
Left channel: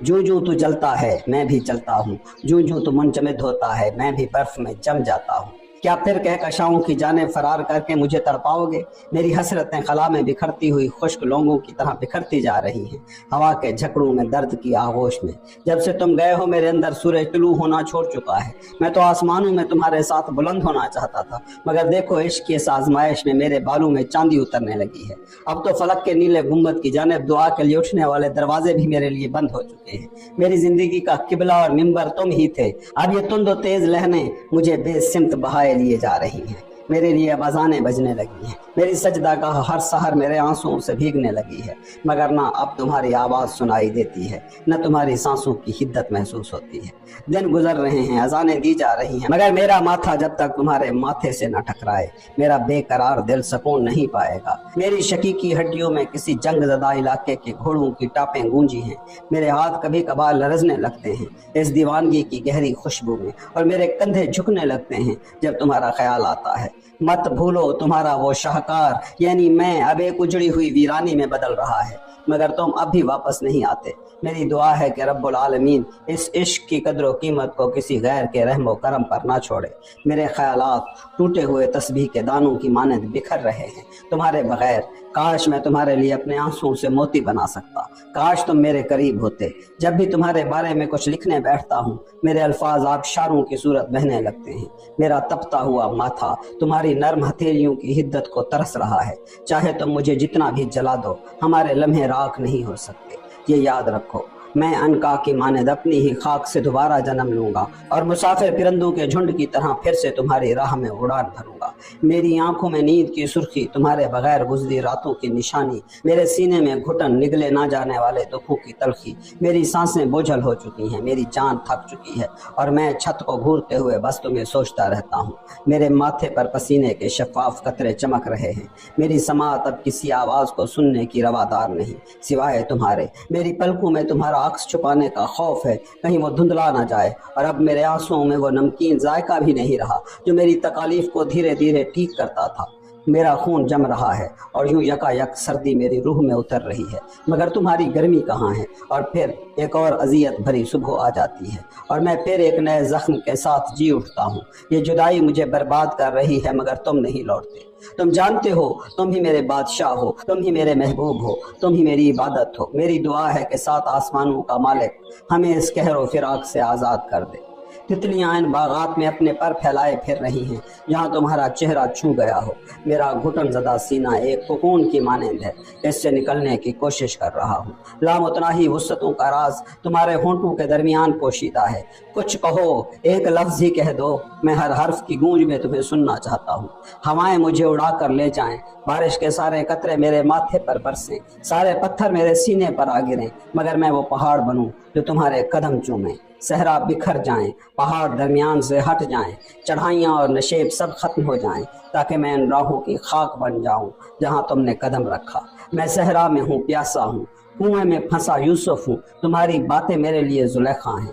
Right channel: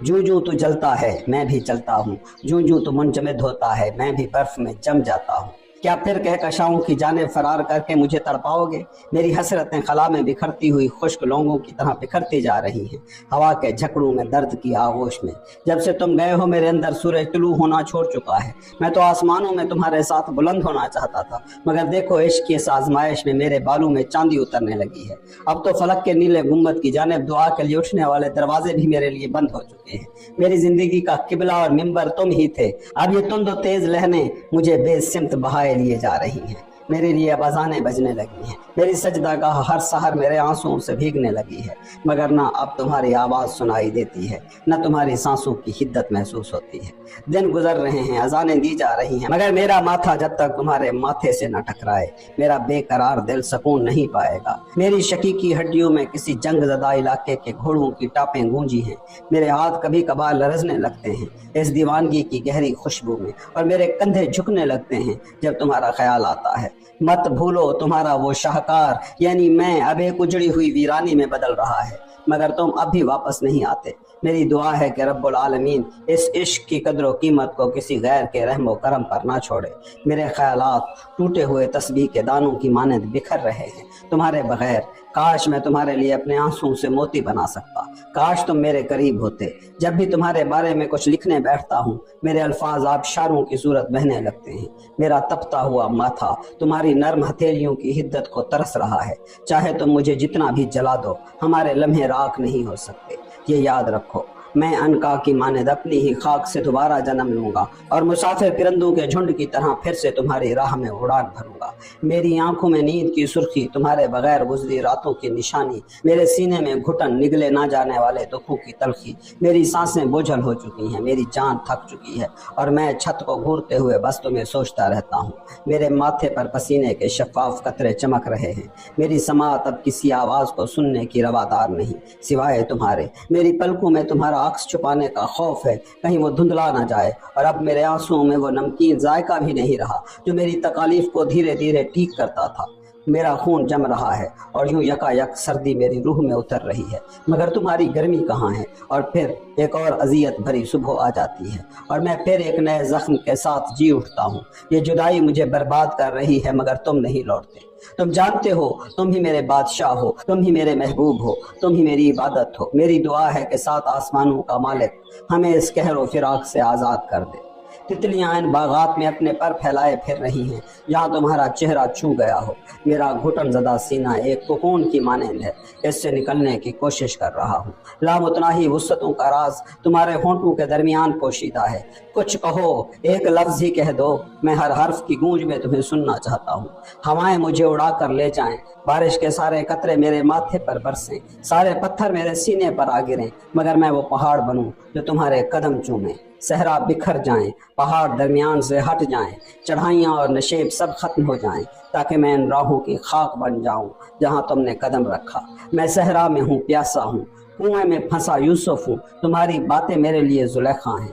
جو جو تو جلتا ہے میں بھی جلتا ہوں، جو جو تو منجمد ہوتا ہے میں بھی برف میں جم جاتا ہوں۔ کیا پھر کہکشاؤں کی جانب فرار کر کے مجھے تڑپاؤ گے؟ میری حسرتیں خلا میں بکھرتی ہوئی خشک لونگوں کی طرح بکھرتی جا رہی ہیں ہوا کے جھکڑوں میں، درد کی آغوش میں۔ جب سے تم گئے ہو میرے اندر سورج طلوع ہونا چھوڑ چکا ہے۔ میں تو آسمانوں میں تمہارے ساتھ بلند ہونا چاہتا تھا، مگر دیکھو عشق کی اس آزمائش میں میرے بالوں میں چاندی اترنے لگی ہے۔ اب تو فلک کے نیلے گنبد کی جانب دعا کے لیے اٹھنے والے دروازے بھی میرے لیے بند ہو چکے ہیں۔ میری زندگی کا قبلہ اور منبر تم ہی تھے، اب یہ تند و تیز لہریں مجھے بے سمت بہائے لیے جا رہی ہیں۔ میرے لیے اب اذانیں بجنے لگی ہیں، میری سجدہ گاہ ہر سحر میرے آنسوؤں سے بھیگنے لگی ہے، مگر نہ اب تمہاری آواز سنائی دیتی ہے، نہ تمہاری سانسوں کی حدت محسوس ہوتی ہے۔ دن گزر رہے ہیں، اذانیں دی جا رہی ہیں، مگر میرا ماتھا جب تک تمہارے ماتھے سے نہ ٹکرائے میرا بے قرار دل سکون نہیں پائے گا۔ میری شقیقی ہڈیوں میں کسی جنگ زدہ علاقے کے گھوڑوں کی ٹاپیں گونجی ہیں، میرے ہاتھ کبھی کبھار لرزنے لگتے ہیں اس دیوانگی کی گہری خوشبو میں، اور میرے کندھے جھکنے لگتے ہیں جب تمہارا خیال آتا ہے۔ مت بھولو تمہارا وہ شاہکار، یعنی میں اب ایک اجڑی ہوئی ویرانی میں بدل رہا ہے، مگر تم اب بھی واپس نہیں آتے۔ میری دعا ہے کہ رب العالمین اس عشق کی قدر و قیمت کو کسی غیر کے رحم و کرم پر نہ چھوڑے۔ میرے خیالات ٹوٹے ہوئے تسبیح کے دانوں کی مانند بکھر رہے ہیں تمہارے بغیر۔ کاش میں تمہارے لیے اپنے آنسوں سے موتی بنا سکتا، کاش تم میرے قریب ہوتے۔ جب بھی تمہارے بارے میں کچھ لکھنے بیٹھتا ہوں میرے الفاظ آبشاروں کی صورت بہنے لگتے ہیں۔ میرا تپتا ہوا ماتھا تمہاری نرم ہتھیلیوں کی حدت کو ترس رہا ہے۔ چاہے تم مجھے جتنا بھی جلا دو، ہمارے لمحے راکھ نہیں ہو سکتے۔ یہ یاد رکھو، میں عنقا کی مانند اپنی ہی خاک سے دوبارہ جنم لوں گا اور مسافر پرندوں کے جھنڈ کی طرح پھر سے تمہاری راہ میں اڑان بھروں گا۔ میری آنکھوں میں نیند کی سرخی تمہارے بغیر گزری راتوں کی نشانی، میرے سینے میں گھٹن نگلے نہ جانے والے دکھوں کی تلخی۔ میری سانسیں بوجھل ہو چکی ہیں، میری جان تھک چکی ہے، اور میں چھت کو گھورتے ہوئے بس تمہیں سوچتا رہتا ہوں۔ میرے ماتھے پر پسینے کے شفاف قطرے چمک رہے ہیں، میری سماعت اب کسی آواز کو سننے کی روادار نہیں سوائے تمہارے۔ میری پلکوں میں تمہارا عکس چھپانے کا خوف ہے، کہیں وہ دھندلا نہ جائے، اور اب میرے آنسوؤں میں وہ نمکین ذائقہ بھی نہیں رہا جو میری تکالیف کو دھیرے دھیرے ٹھیک کرتا تھا۔ میرا خون جم رہا ہے اور یوں یکا یک سردی میری روح میں اتر رہی ہے، مگر تمہاری گرمی کہاں ہے؟ اور پھر ایک اور اذیت بھری صبح آ جاتی ہے اور میں پھر ایک نئے زخم کے ساتھ جی اٹھتا ہوں۔ یہ جدائی مجھے برباد کر رہی ہے، مگر تم نہیں لوٹتے۔ تم جانتے ہو تم ہی میرے بادشاہ ہو، تم ہی میرے محبوب ہو، تم ہی میری عبادت ہو۔ میری دعا ہے کہ سات آسمانوں کا مالک ہمیں اس قہر و فراق سے آزاد کر دے۔ تتلیاں ان باغات میں اپنے پر پھیلائے پھر رہی ہیں جہاں تمہارا چہرہ چھو گیا ہو۔ میرا گھٹن زدہ سینہ ایک کوکون کی مانند ہے، اس سے نکلنے کی کوشش کر رہا ہوں۔ لامتناہی وسعتوں کا راز تمہارے ہونٹوں کے درمیان پوشیدہ ہے۔ کچھ کہو، ایک لفظ ہی کہہ دو، میں ہر حرف کی گونج میں تمہیں سننا چاہتا ہوں۔ ہوائیں مجھے اڑا کر لے جائیں، بارش کے سارے قطرے میرے ماتھے پر برسیں، سارے پتھر میرے سینے پر آ گریں، مگر میں وہ پہاڑ بنوں جو تمہارے قدم چومیں۔ صحرا بکھر جائیں، پہاڑ درمیان سے ہٹ جائیں، چڑھائیاں اور نشیب سب ختم ہو جائیں، تاکہ میں ان راہوں کی خاک بن جاؤں جہاں تم نے قدم رکھا۔ میں صحرا میں ہوں، پیاسا ہوں، کنویں میں پھنسا یوسف ہوں، تمہاری باتیں میرے لیے زلیخا ہیں۔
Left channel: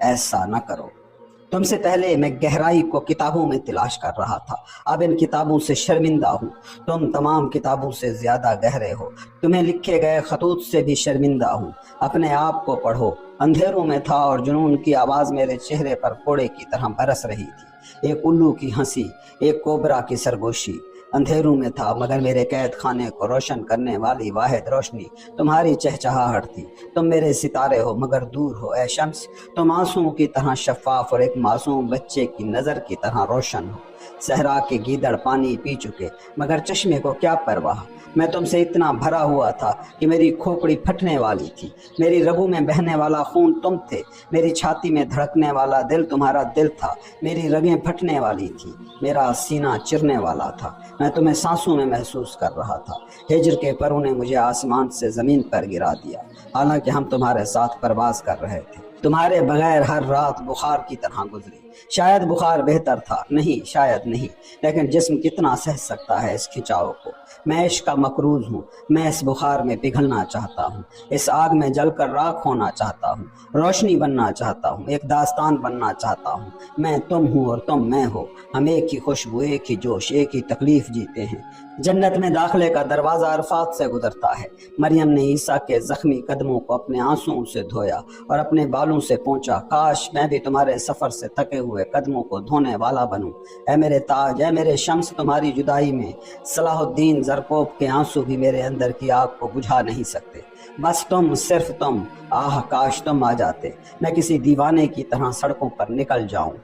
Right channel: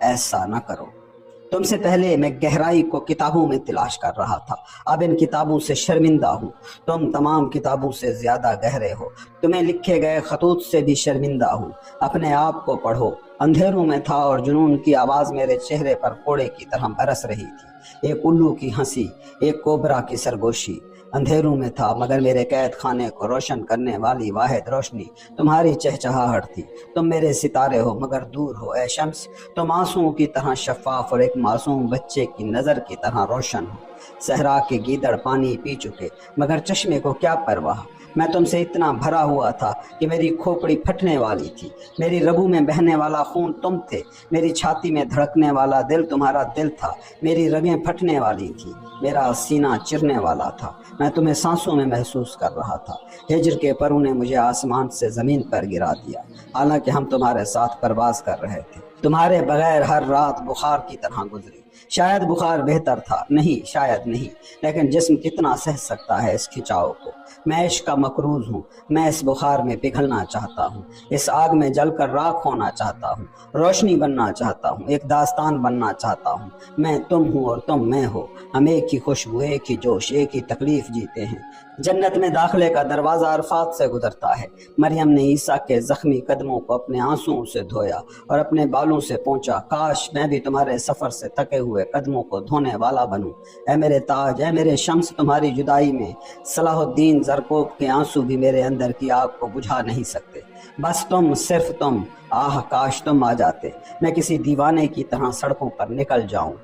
ایسا نہ کرو۔ تم سے پہلے میں گہرائی کو کتابوں میں تلاش کر رہا تھا، اب ان کتابوں سے شرمندہ ہوں۔ تم تمام کتابوں سے زیادہ گہرے ہو، تمہیں لکھے گئے خطوط سے بھی شرمندہ ہوں۔ اپنے آپ کو پڑھو۔ اندھیروں میں تھا اور جنون کی آواز میرے چہرے پر کوڑے کی طرح برس رہی تھی، ایک الو کی ہنسی، ایک کوبرا کی سرگوشی۔ اندھیروں میں تھا مگر میرے قید خانے کو روشن کرنے والی واحد روشنی تمہاری چہچہاہٹ تھی۔ تم میرے ستارے ہو مگر دور ہو اے شمس، تم آنسوؤں کی طرح شفاف اور ایک معصوم بچے کی نظر کی طرح روشن ہو۔ صحرا کے گیدڑ پانی پی چکے مگر چشمے کو کیا پرواہ، میں تم سے اتنا بھرا ہوا تھا کہ میری کھوپڑی پھٹنے والی تھی۔ میری رگوں میں بہنے والا خون تم تھے، میری چھاتی میں دھڑکنے والا دل تمہارا دل تھا، میری رگیں پھٹنے والی تھی، میرا سینہ چرنے والا تھا، میں تمہیں سانسوں میں محسوس کر رہا تھا۔ ہجر کے پروں نے مجھے آسمان سے زمین پر گرا دیا، حالانکہ ہم تمہارے ساتھ پرواز کر رہے تھے۔ تمہارے بغیر ہر رات بخار کی طرح گزری، شاید بخار بہتر تھا، نہیں شاید نہیں، لیکن جسم کتنا سہ سکتا ہے اس کھچاؤ کو۔ میں عشق کا مقروض ہوں، میں اس بخار میں پگھلنا چاہتا ہوں، اس آگ میں جل کر راکھ ہونا چاہتا ہوں، روشنی بننا چاہتا ہوں، ایک داستان بننا چاہتا ہوں۔ میں تم ہوں اور تم میں ہو، ہم ایک ہی خوشبو، ایک ہی جوش، ایک ہی تکلیف جیتے ہیں۔ جنت میں داخلے کا دروازہ عرفات سے گزرتا ہے۔ مریم نے عیسیٰ کے زخمی قدموں کو اپنے آنسوؤں سے دھویا اور اپنے بالوں سے پونچھا، کاش میں بھی تمہارے سفر سے تکے ہوئے قدموں کو دھونے والا بنوں۔ اے میرے تاج، اے میرے شمس، تمہاری جدائی میں صلاح الدین زرکوب کے آنسو بھی میرے اندر کی آگ کو بجھا نہیں سکتے۔ بس تم، صرف تم، آہ کاش تم آ جاتے، میں کسی دیوانے کی طرح سڑکوں پر نکل جاؤں،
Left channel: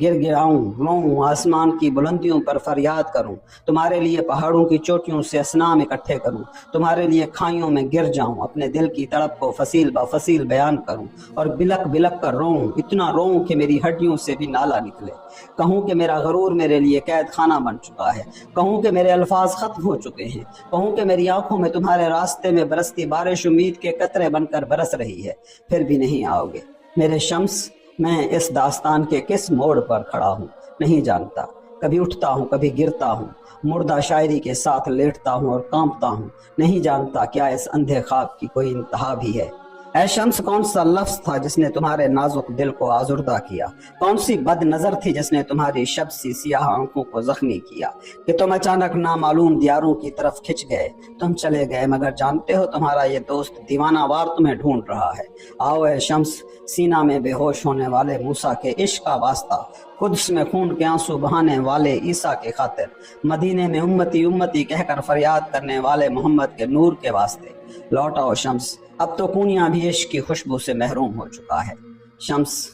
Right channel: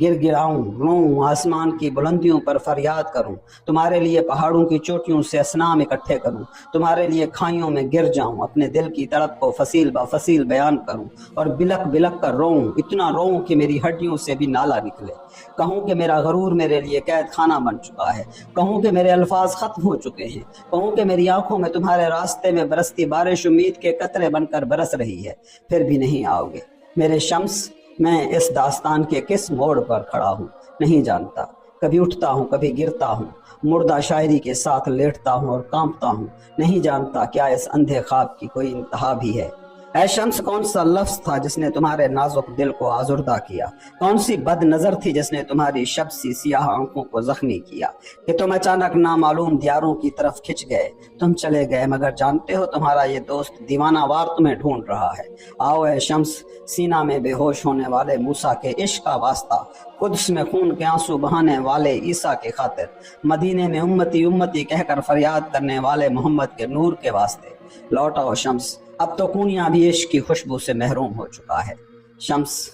گر گراؤں، روؤں، آسمان کی بلندیوں پر فریاد کروں، تمہارے لیے پہاڑوں کی چوٹیوں سے اسنام اکٹھے کروں، تمہارے لیے کھائیوں میں گر جاؤں، اپنے دل کی تڑپ کو فصیل بہ فصیل بیان کروں اور بلک بلک کر روؤں، اتنا روؤں کہ میری ہڈیوں سے بھی نالا نکلے۔ کہوں کہ میرا غرور میرے لیے قید خانہ بن چکا ہے، کہوں کہ میرے الفاظ ختم ہو چکے ہیں، کہوں کہ میری آنکھوں میں تمہارے راستے میں برستی بارش امید کے قطرے بن کر برس رہی ہے، پھر بھی نہیں آؤ گے۔ میرے شمس، میں اس داستان کے کس موڑ پر کھڑا ہوں نہیں جانتا، کبھی اٹھتا ہوں کبھی گرتا ہوں، مردہ شاعری کے ساتھ لیٹتا ہوں اور کانپتا ہوں، نہیں جانتا کیا اس اندھے خواب کی کوئی انتہا بھی ہے۔ اے شمس، کون سا لفظ تھا جس نے تمہارے نازک دل کو آزردہ کیا؟ کون سی بد نظر تھی جس نے تمہاری شب سی سیاہ آنکھوں کو زخمی کیا کہ تم اچانک نامعلوم دیاروں کی طرف کھچ گئے؟ تم چلے گئے مگر جانتے ہو تمہارا یہ دوست دیوانہ وار تمہیں ڈھونڈ رہا ہے۔ آؤ اے شمس، سینہ میں بے ہوش ہونے والے موسیٰ کے عشق کا واسطہ، قدس میں خون کے آنسو بہانے والے عیسیٰ کے خاطر، مدینے میں امتی امتی کہہ کر فریاد کرنے والے محمد کے نور کے واسطے لوٹ آؤ شمس، اب تو کونیا بھی عشق کی خوشبو سے محروم ہو چکا ہے۔ شمس،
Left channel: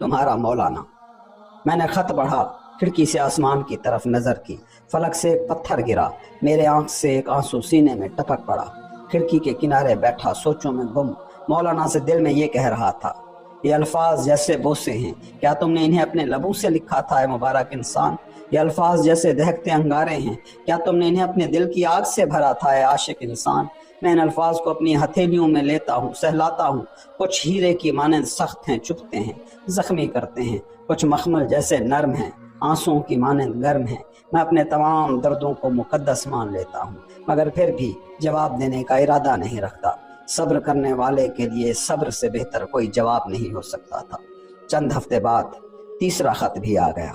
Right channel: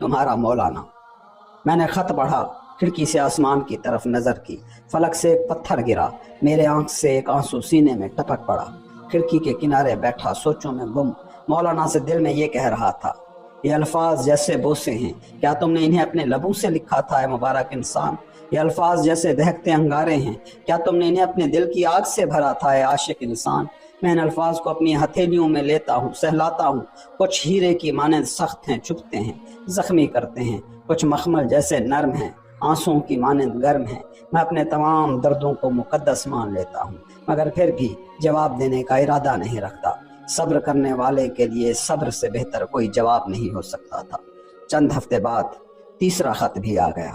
تمہارا مولانا۔ میں نے خط پڑھا، کھڑکی سے آسمان کی طرف نظر کی، فلک سے ایک پتھر گرا، میرے آنکھ سے ایک آنسو سینے میں ٹپک پڑا، کھڑکی کے کنارے بیٹھا سوچوں میں گم، مولانا سے دل میں یہ کہہ رہا تھا، یہ الفاظ جیسے بوسے ہیں، کیا تم نے انہیں اپنے لبوں سے لکھا تھا اے مبارک انسان؟ یہ الفاظ جیسے دہکتے انگارے ہیں، کیا تم نے انہیں اپنے دل کی آگ سے بھرا تھا اے عاشق انسان؟ میں ان الفاظ کو اپنی ہتھیلیوں میں لیتا ہوں، سہلاتا ہوں، کچھ ہیرے کی مانند سخت ہیں، چبھتے ہیں، زخمی کرتے ہیں، کچھ مخمل جیسے نرم ہیں، آنسوؤں کی مانند گرم ہیں۔ میں اپنے تمام دردوں کو مقدس مان لیتا ہوں مگر پھر بھی جواب دینے کا ارادہ نہیں رکھتا۔ صبر کرنے والے کے لیے صبر سے بہتر کوئی جواب نہیں ہو سکتا تھا۔ چند ہفتے بعد تیسرا خط بھی آ گیا۔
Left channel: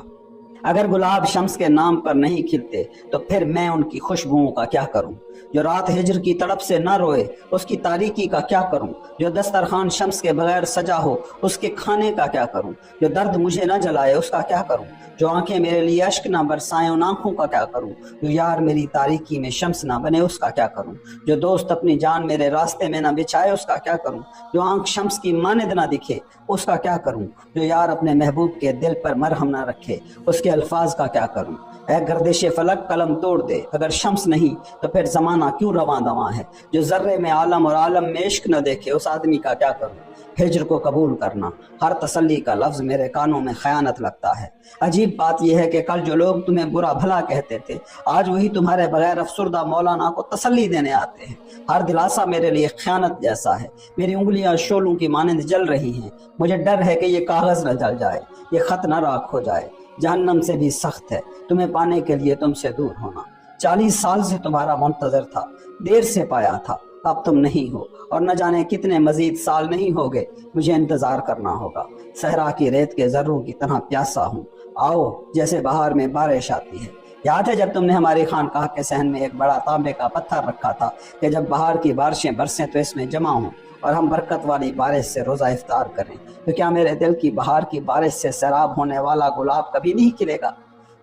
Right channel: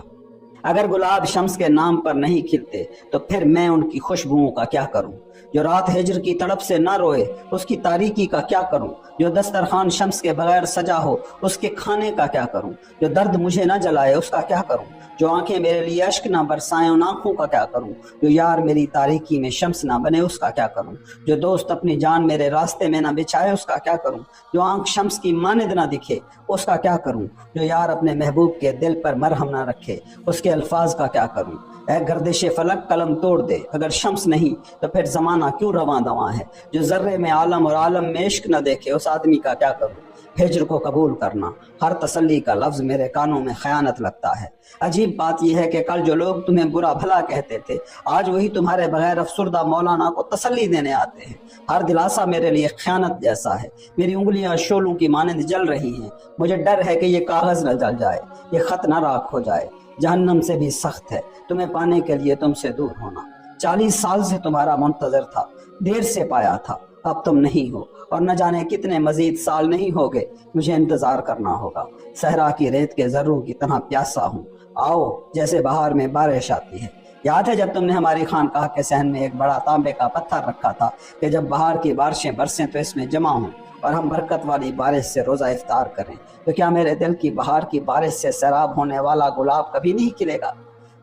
اگر گلاب شمس کے نام پر نہیں کھلتے تو پھر میں ان کی خوشبوؤں کا کیا کروں؟ جو رات ہجر کی تڑپ سے نہ روئے اس کی تاریکی کا کیا کروں؟ جو دسترخوان شمس کے بغیر سجا ہو اس کے کھانے کا کیا کروں؟ جو درد مجھے نہ جلائے اس کا کیا کروں؟ جو آنکھیں میرے لیے اشک نہ برسائیں ان آنکھوں کا کیا کروں؟ جو یار میری تاریکی میں شمس نہ بنے اس کا کیا کروں؟ جو دوست اپنی جان میرے راستے میں نہ بچھائے اس کا کیا کروں؟ جو آنکھ شمس کی مانند نہ دکھے اس کا کیا کروں؟ جو یار اپنے محبوب کے دل پر مرہم نہ رکھے اس کے الفاظ کا کیا کروں؟ اے گردش فلک قلم توڑ دے، اگر شمس نہیں تو پھر زمانہ کیوں رواں دواں ہے؟ جو ذرے میں عالم اور عالم میں عشق نہ دیکھے اس آدمی کا کیا کروں؟ ہجر کو قبول کرنا، ہر تسلی کا لفظ میرے کانوں میں خیانت لگتا ہے۔ عجیب بات یہ ہے کہ کل جو لوگ تمہیں برا بھلا کہتے تھے آج وہی تمہارے بغیر افسردہ مولانا کو تسلی دینے آتے ہیں۔ ہر دلاسا میرے لیے خیانت جیسا ہے، میری انگلیاں شعلوں کی مانند جل رہی ہیں، مجھے ڈر ہے کہ یہ کاغذ نہ جل جائے، یہ خط نہ راکھ ہو جائے۔ جہنم سے بھی سخت ہے تمہیں پانے کے لیے تم سے دور ہونا۔ 40 سال سے تمہارا منتظر تھا، دیر سے پایا تھا، اب تم نہیں ہو اور نہ جانے کتنے مزید سال نہیں ہوگے مجھے انتظار کرنا ہوگا۔ صحرا کی ریت کے ذروں کی طرح پیاسا ہوں، آؤ جیسے بہار میں بارش آتی ہے۔ یاد ہے جب تم نے ہماری خانقاہ کے صحن میں ایک بڑا تانبے کا پتھر رکھا تھا کہ جب بہار کی بارشیں برسیں تو اس میں جمع ہوں اور ہم برکت والی بارش سے روزہ افطار کریں، تو کیا میرے دل کی بہار کی بارش سے سیراب ہونے والا گلاب کبھی نہیں کھلے گا؟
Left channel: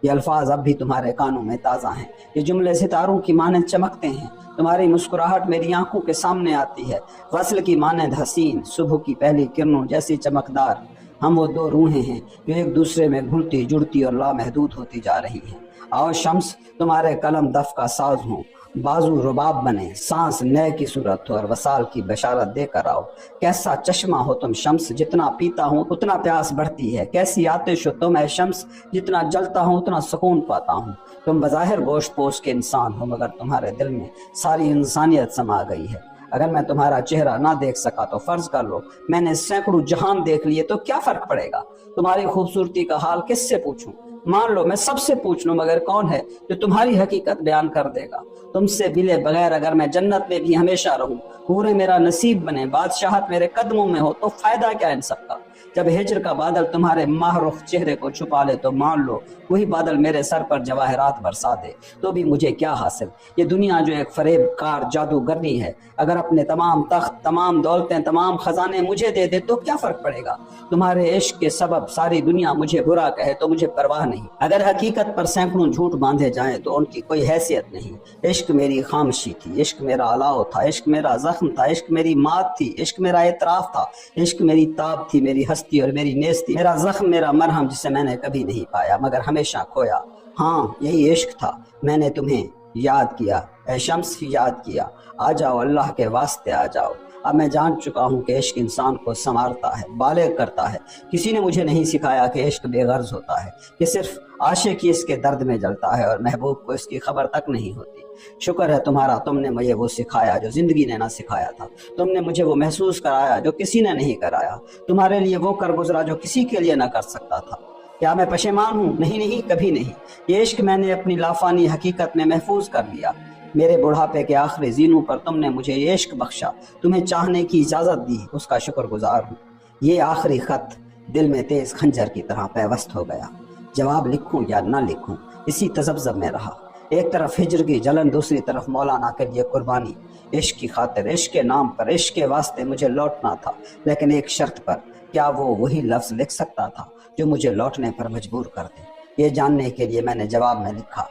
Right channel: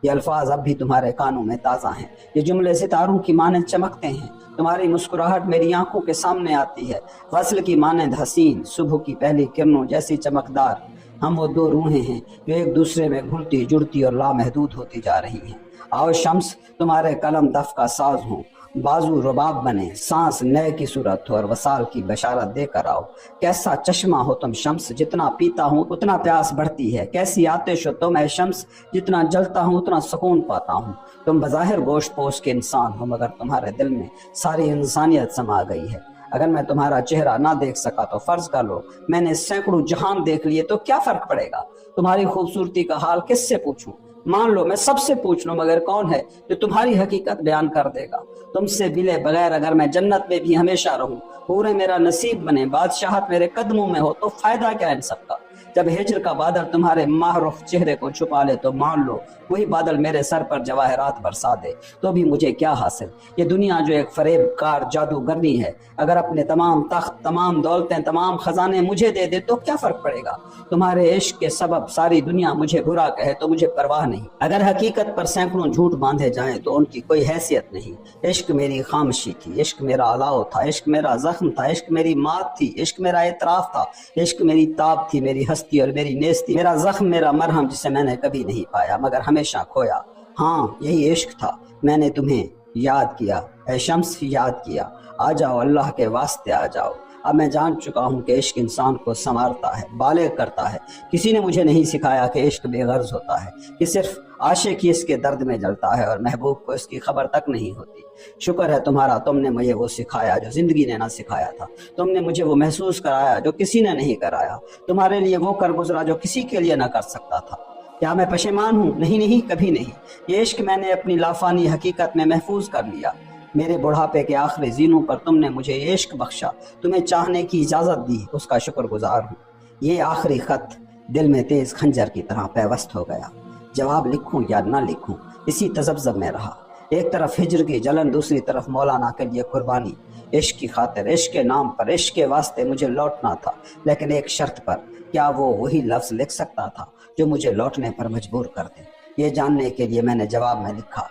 یہ الفاظ اب بھی تمہارے کانوں میں تازہ ہیں، یہ جملے ستاروں کی مانند چمکتے ہیں، تمہاری مسکراہٹ میری آنکھوں کے سامنے آتی ہے، غزل کی مانند حسین، صبح کی پہلی کرنوں جیسی چمکدار۔ ہم وہ دو روحیں ہیں جو ایک دوسرے میں گھلتی جڑتی اور لامحدود ہوتی جا رہی ہیں۔ آؤ شمس، تمہارے قلم دف کا ساز ہوں، بازو رباب بنے، سانس نئے کی صورت ہو اور وصال کی بشارت دے کر آؤ۔ کیسا چشمہ ہو تم شمس، جتنا پیتا ہوں اتنا پیاس بڑھتی ہے، کیسی آتش ہو تم اے شمس، جتنا جلتا ہوں اتنا سکون پاتا ہوں۔ تم بظاہر گوشت پوش کے انسان ہو مگر تمہارے دل میں ساری انسانیت سما گئی ہے۔ اگر میں تمہارا چہرہ نہ دیکھ سکا تو فرض کر لو میں نے سینکڑوں جہان دیکھ لیے تو کیا فرق پڑے گا؟ تمہاری خوبصورتی کا حال کس سے پوچھوں؟ مان لو میں سب سے پوچھ لوں مگر کون ہے جو تمہاری حقیقت بیان کر دے گا؟ تم سے ملے بغیر اگر میں جنت میں بھی ہمیشہ رہوں، پورے میرا نصیب بنے، بادشاہت میرے قدموں میں ہو، تو فائدہ کیا ان سب کا؟ جب ہجر کا بادل تمہارے محروف چہرے کو چھپا لے تو مان لو وہی بادل میرے سر پر جواہرات برسا دے تو بھی مجھے کیا حاصل؟ یہ دنیا جو ایک فریب کار جادوگرنی ہے، اگر اپنے تمام تخت، تمام دولتیں، تمام خزانے مجھے دے دے تو کیا فرق پڑے گا؟ تمہارے عشق کے سبب ساری دنیا مجھے برا کہے تو مجھے پرواہ نہیں۔ اگر حقیقت پر سینکڑوں جھوٹ باندھے جائیں تو ان کی کوئی حیثیت نہیں۔ عشق میری خاموشی تھی، عشق میرا الاؤ تھا، عشق میرا زخم تھا، عشق میری مات تھی، عشق میرا اعتراف تھا، عشق میری تاب تھی، میری ہستی اور میری نیستی، میرا زخم، میرا مرہم جسے میں نے کبھی نہیں پایا مگر ہمیشہ کھویا۔ ہاں یہی عشق تھا، میں نے تمہیں یاد کیا اے شمس، یاد کیا۔ آ جاؤ، اللہ کے واسطے آ جاؤ۔ اب میں جان چکا ہوں کہ عشق انسان کو سنوارتا ہے، بالغ کرتا ہے۔ کسی نے مجھے نہیں سکھایا کہ عشق بے غرض ہوتا ہے، کہ صرف عاشق ہی اس کے درد میں جلتا ہے اور محبوب کو اس کی خبر تک نہیں ہوتی۔ شکر ہے تمہارا، تم نے مجھے وہ سکھایا جو زندگی نے نہ سکھایا تھا، تم نے مجھے وہ محسوس کرایا جو کسی نے نہیں کرایا، تمہارے لیے وہ کر گزرا جو کسی کے لیے نہ کر سکتا تھا۔ کیا میں پشیمان ہوں؟ نہیں نہیں، کبھی نہیں۔ یہ عشق میں نے اپنی لافانی حقیقت میں محفوظ کر لیا۔ میرے بڑھاپے کے آخری زینوں پر تم نے مجھے یہ عشق بخشا، تمہیں چاہنے کی اجازت دی، اس کا شکر گزار ہوں۔ یہ آخری خط دل میں تیز خنجر کی طرح پیوست ہو گیا۔ جواب لکھوں یا نہ لکھوں اسی تذبذب میں رہا۔ ایک طرف ہجر کی جلن، دوسری طرف مولانا کے لیے قربانی۔ عشق کی خاطر، عشق کے نام پر، عشق کے واسطے مجھے لوٹنا تھا، لیکن ایک شرط پر۔ کیا وہ وہی لفظ لکھ سکتا تھا جو مجھے لوٹنے پر مجبور کر دے؟ یہ جاننے کے لیے میں نے جواب میں لکھا،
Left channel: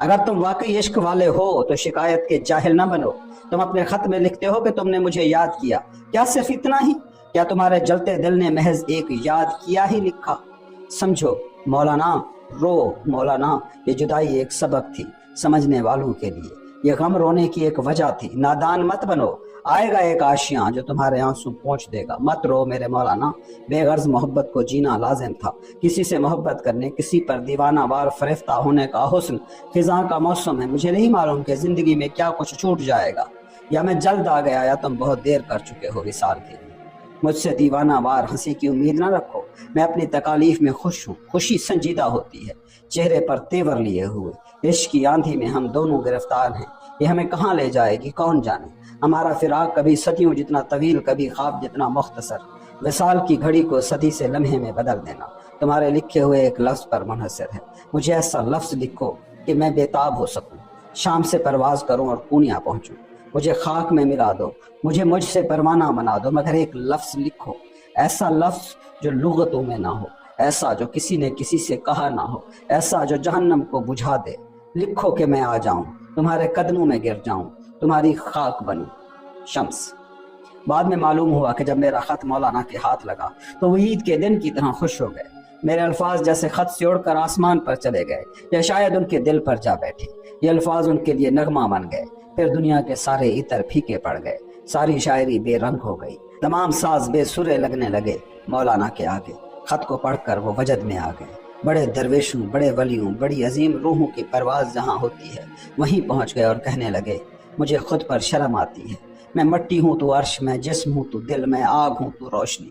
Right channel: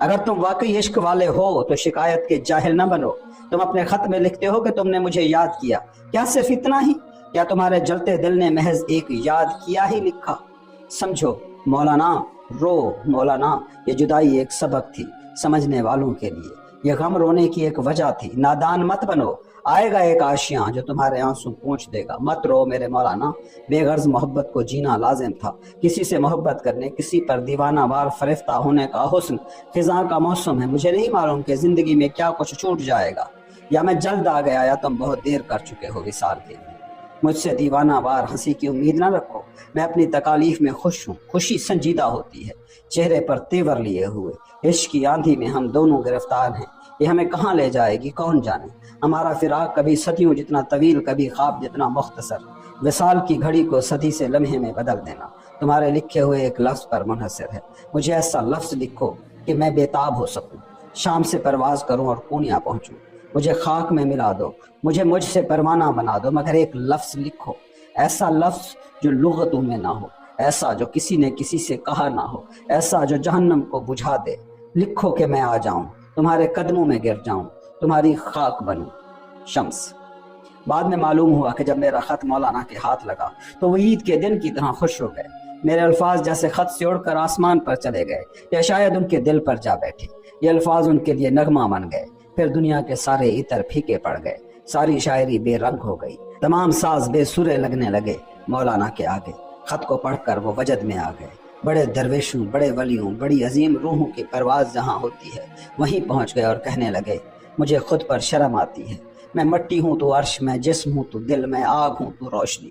اگر تم واقعی عشق والے ہو تو شکایت کے جاہل نہ بنو۔ تم اپنے خط میں لکھتے ہو کہ تم نے مجھے یاد کیا، کیا صرف اتنا ہی؟ کیا تمہارے جلتے دل نے محض ایک یاد کیا ہی لکھا؟ سمجھو مولانا، رو مولانا، یہ جدائی ایک سبق تھی سمجھنے والوں کے لیے، یہ غم رونے کی ایک وجہ تھی۔ نادان مت بنو، آئے گا ایک آشیاں جو تمہارے آنسو پہنچ دے گا۔ مت رو میرے مولانا، بے غرض محبت کو جینا لازم تھا۔ کسی سے محبت کرنے، کسی پر دیوانہ وار فریفتہ ہونے کا حسن خزاں کا موسم ہے۔ مجھے نہیں معلوم کہ زندگی میں کیا کچھ چھوٹ جائے گا، یا میں جلد آ گیا یا تم بہت دیر کر چکے ہو وصال کے لیے۔ مجھ سے دیوانہ وار ہنسی کی امید نہ رکھو، میں اپنی تکالیف میں خوش ہوں۔ خوشی سنجیدہ ہوتی ہے، چہرے پر تیور لیے ہوئے۔ عشق کی آندھی میں ہم دونوں گرفتار ہیں، یہ ہمیں کہاں لے جائے گی کون جانے۔ ہمارا فراق کبھی صدیوں جتنا طویل، کبھی خواب جتنا مختصر۔ وصال کی گھڑی کو صدی سے لمحے میں بدل دینا تمہارے لکھے ہوئے ایک لفظ پر منحصر ہے۔ مجھے ایسا لفظ لکھو کہ میں بےتاب ہو سکوں، شام سے پرواز کروں اور پونیا پہنچوں۔ مجھے خاک میں ملا دو، مجھ سے پروانہ بنا دو، مگر ایک لفظ لکھو، ایسا لفظ جو لغتوں میں نہ ہو، ایسا جو کسی نے کسی سے کہا نہ ہو، ایسا جو جہنم کو بجھا دے۔ لکھو کہ میں آ جاؤں، تمہارے قدموں میں گر جاؤں، تمہاری خاک بنوں۔ شمس۔ بعد میں معلوم ہوا کہ جب میرا خط مولانا کے ہاتھ لگا تو وہ عید کے دن کی طرح خوش ہو گئے۔ میرے الفاظ جیسے خط سے اڑ کر آسمان پر چلے گئے، یا شاید ان کے دل پر جا بیٹھے۔ یہ الفاظ ان کے لیے نغمہ بن گئے۔ پھر دنیا کے سارے عطر پھیکے پڑ گئے، ساری شاعری بے رنگ ہو گئی، تمام ساز بے سرے لگنے لگے مولانا کے آگے۔ خط کو پڑھ کر وہ وجد میں آ گئے۔ بڑے درویشوں، بڑے ولیوں، بڑی عظیم روحوں کی پرواز جہاں ہوتی ہے وہیں پہنچ گئے اور کہنے لگے، مجھے خود پر شرم آتی ہے، میں مٹی ہوں تو عرش، میں جسم ہوں تو دل، میں آگ ہوں تو روشنی۔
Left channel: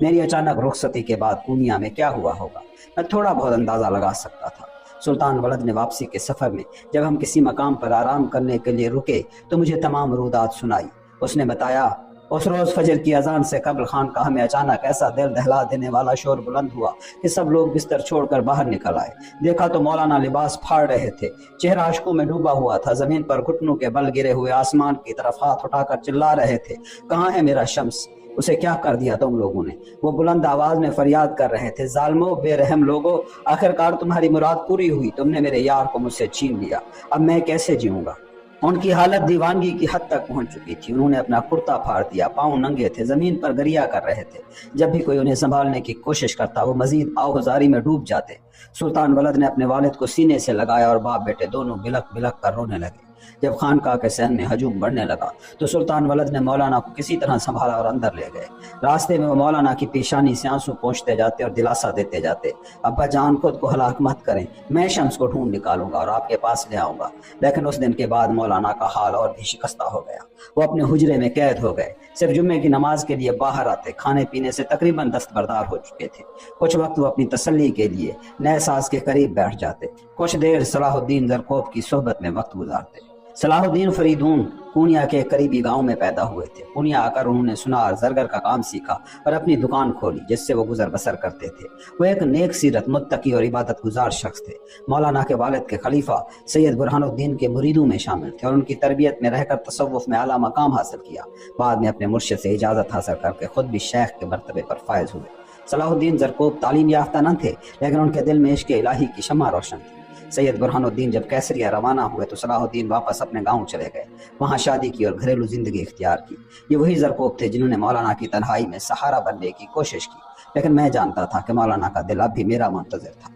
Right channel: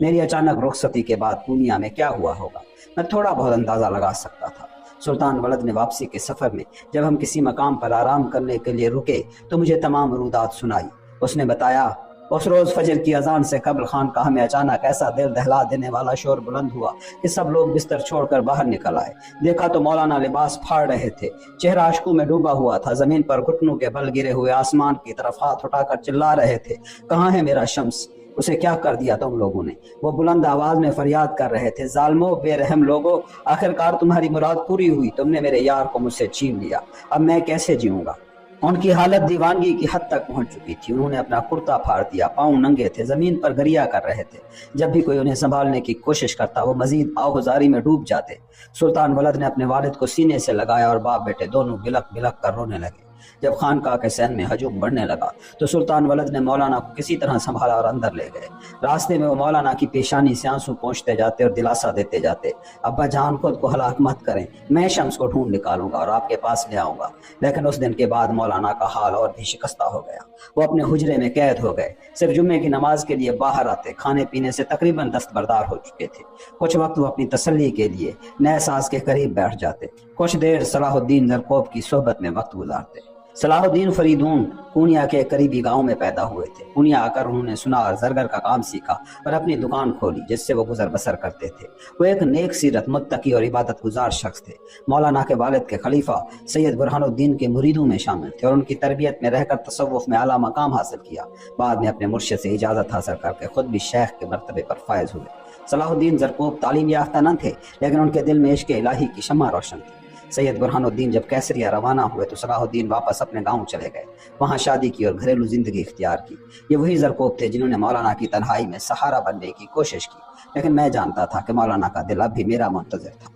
میری اچانک رخصتی کے بعد پونیا میں کیا ہوا ہوگا میں تھوڑا بہت اندازہ لگا سکتا تھا۔ سلطان ولد نے واپسی کے سفر میں جب ہم کسی مقام پر آرام کرنے کے لیے رکے تو مجھے تمام رودات سنائی۔ اس نے بتایا اس روز فجر کی اذان سے قبل خانقاہ میں اچانک ایسا دل دہلا دینے والا شور بلند ہوا کہ سب لوگ بستر چھوڑ کر باہر نکل آئے۔ دیکھا تو مولانا لباس پھاڑ رہے تھے، چہرہ اشکوں میں ڈوبا ہوا تھا، زمین پر گھٹنوں کے بل گرے ہوئے آسمان کی طرف ہاتھ اٹھا کر چلا رہے تھے، کہاں ہے میرا شمس؟ اسے کیا کر دیا تم لوگوں نے؟ وہ بلند آواز میں فریاد کر رہے تھے، ظالمو، بے رحم لوگو، آخرکار تمہاری مراد پوری ہوئی، تم نے میرے یار کو مجھ سے چھین لیا، اب میں کیسے جیوں گا؟ ان کی حالت دیوانگی کی حد تک پہنچ چکی تھی، انہوں نے اپنا کرتا پھاڑ دیا، پاؤں ننگے تھے، زمین پر گریا کر رہے تھے، جب بھی کوئی انہیں سنبھالنے کی کوشش کرتا وہ مزید آہوزاری میں ڈوب جاتے۔ سلطان ولد نے اپنے والد کو سینے سے لگایا اور باپ بیٹے دونوں بلک بلک کر رونے لگے۔ جب خانقاہ کے صحن میں ہجوم بڑھنے لگا تو سلطان ولد نے مولانا کو کسی طرح سنبھالا اور اندر لے گئے۔ راستے میں وہ مولانا کی پیشانی سے آنسو پونچھتے جاتے اور دلاسا دیتے جاتے، ابا جان خود کو ہلاک مت کریں، میں شمس کو ڈھونڈ نکالوں گا اور آپ کے پاس لے آؤں گا۔ لیکن اس دن کے بعد مولانا کا حال اور بھی شکستہ ہو گیا، وہ اپنے حجرے میں قید ہو گئے، صرف جمعے کی نماز کے لیے باہر آتے، کھانے پینے سے تقریباً دستبردار ہو چکے تھے۔ کچھ وقت وہ اپنی تسلی کے لیے نئے ساز کے قریب بیٹھ جاتے، کچھ دیر صلاح الدین زرکوب کی صحبت میں وقت گزارتے۔ صلاح الدین فریدون پونیا کے قریبی گاؤں میں پیدا ہوئے تھے۔ پونیا آ کر انہوں نے سنار زرگر کا کام سیکھا اور اپنی دکان کھولی جس سے وہ گزر بسر کرتے تھے۔ وہ ایک نیک سیرت، متقی اور عبادت گزار شخص تھے۔ مولانا کے والد کے خلیفہ سید برہان الدین کے مریدوں میں شامل تھے اور ان کی تربیت میں رہ کر تصوف میں اعلیٰ مقام حاصل کیا۔ بعد میں اپنے مرشد سے اجازت حاصل کر کے خود بھی شیخ کے مرتبے پر فائز ہوئے۔ صلاح الدین زرکوب تعلیم یافتہ نہ تھے، لیکن ان کے دل میں عشق الہی کی شمع روشن تھی۔ سید برہان الدین جب کیسریا روانہ ہوئے تو صلاح الدین واپس اپنے گاؤں چلے گئے، وہاں شادی کی اور گھریلو زندگی اختیار کی۔ یہ وہی زرکوب تھے جنہوں نے مولانا کی تنہائی میں سہارا بننے کی کوشش کی، لیکن میں جانتا تھا کہ مولانا کا دل اب بھی میرا منتظر تھا۔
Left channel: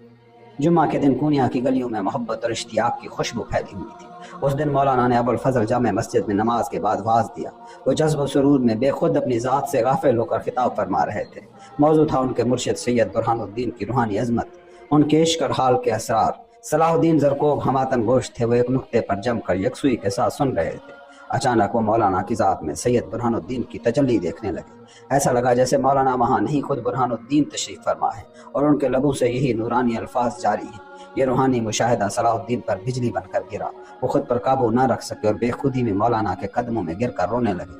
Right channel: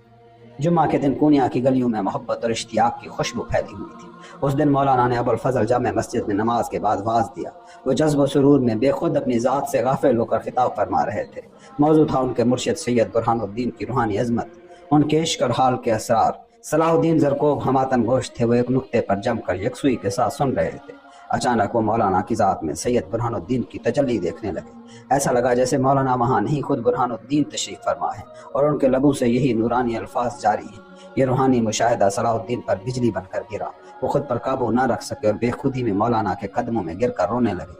جمعہ کے دن پونیا کی گلیوں میں محبت اور اشتیاق کی خوشبو پھیلی ہوئی تھی۔ اس دن مولانا نے ابوالفضل جامع مسجد میں نماز کے بعد واز دیا۔ وہ جذب و سرور میں بے خود اپنی ذات سے غافل ہو کر خطاب فرما رہے تھے۔ موضوع تھا ان کے مرشد سید برہان الدین کی روحانی عظمت، ان کے عشق اور حال کے اسرار۔ صلاح الدین زرکوب ہماتن گوش تھے، وہ ایک نقطے پر جم کر یکسوئی کے ساتھ سن رہے تھے۔ اچانک وہ مولانا کی ذات میں سید برہان الدین کی تجلی دیکھنے لگے۔ ایسا لگا جیسے مولانا وہاں نہیں خود برہان الدین تشریف فرما ہے اور ان کے لبوں سے یہی نورانی الفاظ جاری ہیں۔ یہ روحانی مشاہدہ صلاح الدین پر بجلی بن کر گرا، وہ خود پر قابو نہ رکھ سکے اور بے خودی میں مولانا کے قدموں میں گر کر رونے لگے۔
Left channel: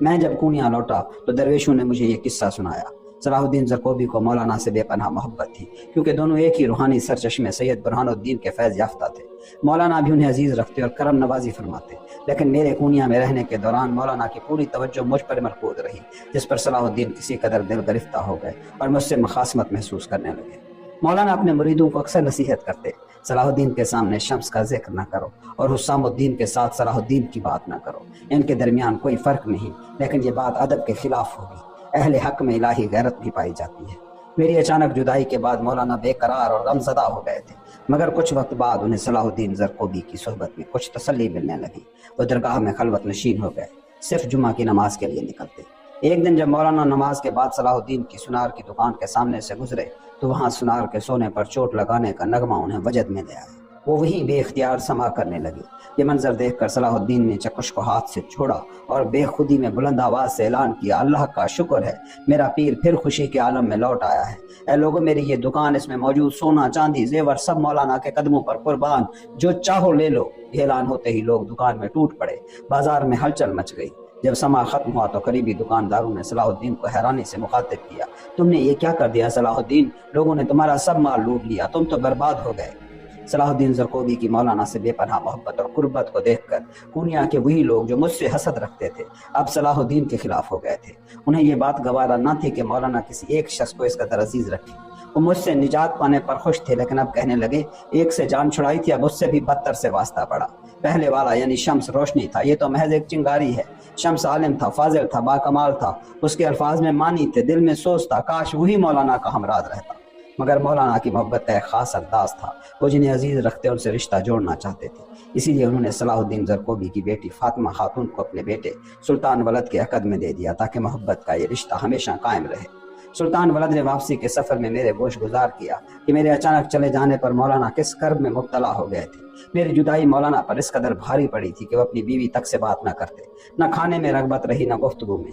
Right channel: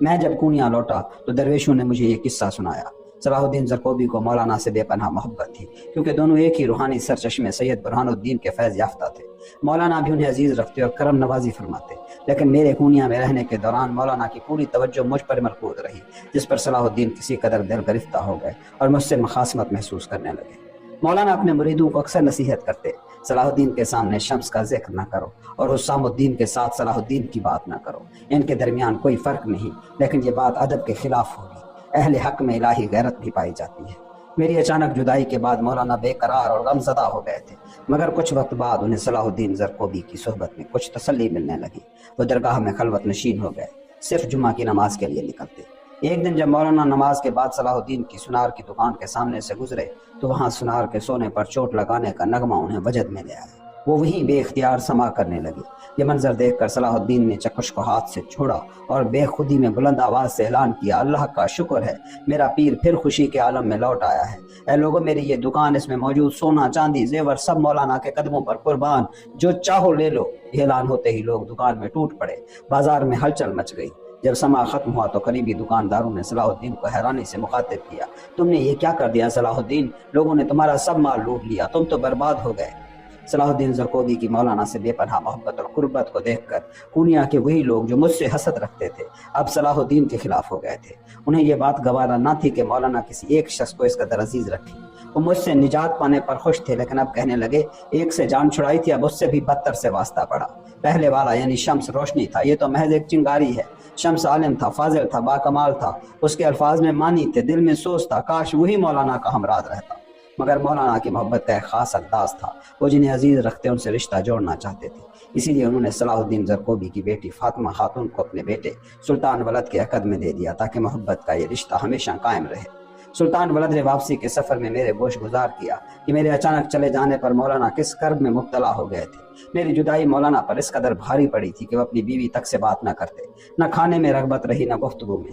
میں جب پونیا لوٹا تو درویشوں نے مجھے یہ قصہ سنایا۔ صلاح الدین زرکوبی کو مولانا سے بے پناہ محبت تھی، کیونکہ دونوں ایک ہی روحانی سرچشمے سید برہان الدین کے فیض یافتہ تھے۔ مولانا بھی انہیں عزیز رکھتے اور کرم نوازی فرماتے، لیکن میرے پونیا میں رہنے کے دوران مولانا کی پوری توجہ مجھ پر مرکوز رہی، جس پر صلاح الدین کسی قدر دل گرفتہ ہو گئے اور مجھ سے مخاصمت محسوس کرنے لگے۔ مولانا اپنے مریدوں کو اکثر نصیحت کرتے، صلاح الدین کے سامنے شمس کا ذکر نہ کرو اور حسام الدین کے ساتھ صلاح الدین کی بات نہ کرو، ان کے درمیان کوئی فرق نہیں، لیکن یہ بات ادب کے خلاف ہوگی، اہل حق میں الہی غیرت بھی پائی جاتی ہے۔ میری اچانک جدائی کے بعد مولانا بے قرار اور غمزدہ ہو گئے تھے، مگر کچھ وقت بعد انہیں صلاح الدین زرکوبی کی صحبت میں کچھ تسلی ملنے لگی۔ وہ درگاہ میں خلوت نشین ہو گئے، صرف جمعہ کی نماز کے لیے نکلتے۔ ایک دن جب مولانا نماز کے بعد صلاح الدین کی سنار کی دکان کے سامنے سے گزرے تو وہاں سنار کے سونے پر چوٹ لگانے کا نغمہ انہیں وجد میں لے آیا۔ وہ وہیں بے اختیار سما کرنے لگے۔ یہ منظر دیکھ کر صلاح الدین نے چکش کو ہاتھ سے چھوڑا اور بے خودی میں بلند آواز سے اعلان کیا، اللہ کا شکر ہے، میرا پیر پھر خوشی کے عالم میں لوٹ آیا ہے۔ اے لوگوں، میری یہ دکان، اس میں موجود سونا چاندی زیور سب مولانا کے قدموں پر قربان، جو چاہو لے لو۔ یہ اعلان ہوتے ہی لوگ دکان میں ٹوٹ پڑے، بازار میں ہلچل مچ گئی۔ جب سما ختم ہوا تو قریبی دکانداروں نے صلاح الدین کو حیرانی سے مخاطب کیا، تم نے یہ کیا کر دیا صلاح الدین؟ لوگوں نے تمہارا سب مال لوٹ لیا، تم تو برباد ہو گئے۔ صلاح الدین زرکوبی کی مولانا سے بے پناہ محبت اور قربت کو دیکھ کر پونیا کے وہی لوگ جو مجھ سے حسد رکھتے تھے اب صلاح الدین کے خلاف ہو گئے تھے۔ انہیں یہ بات گوارا نہ تھی کہ مولانا کسی ایک شخص کو اس قدر عزیز رکھے۔ وہ مجھ سے نجات پانے پر خوش تھے، لیکن اب کہنے لگے ایک سے جان چھڑائی تھی، اب اس سے بھی بدتر سے واسطہ پڑا۔ پہلے والا یعنی شمس روشنی تھا، یہ تو محض ایک چنگاری ہے۔ شمس عالم تھا، فاضل تھا، باکمال تھا، اس کے الفاظ میں معنی تھے، دل میں سوچ تھا، کاش وہی مولانا کا ہمراہ رہتا۔ مگر مولانا کی محبت کا ایک خاص انداز تھا، وہ جنہیں عزیز رکھتے ان سے رشتہ جوڑنا چاہتے تھے، اسی لیے انہوں نے صلاح الدین زرکوبی کی بیٹی فاطمہ خاتون کو اپنے بیٹے سلطان ولد کے عقد میں دے دیا تاکہ محبت کا یہ رشتہ ہمیشہ قائم رہے۔ سلطان ولد نے واپسی کے سفر میں میرے گوش گزار کیا کہ میرے اچانک چلے جانے پر مولانا کس کرب میں مبتلا ہو گئے تھے۔ میری جدائی مولانا پر اس قدر بھاری پڑی تھی کہ وہ اپنی بیوی تک سے بات نہ کرتے، نہ کھانے میں رغبت رہی نہ گفتگو میں۔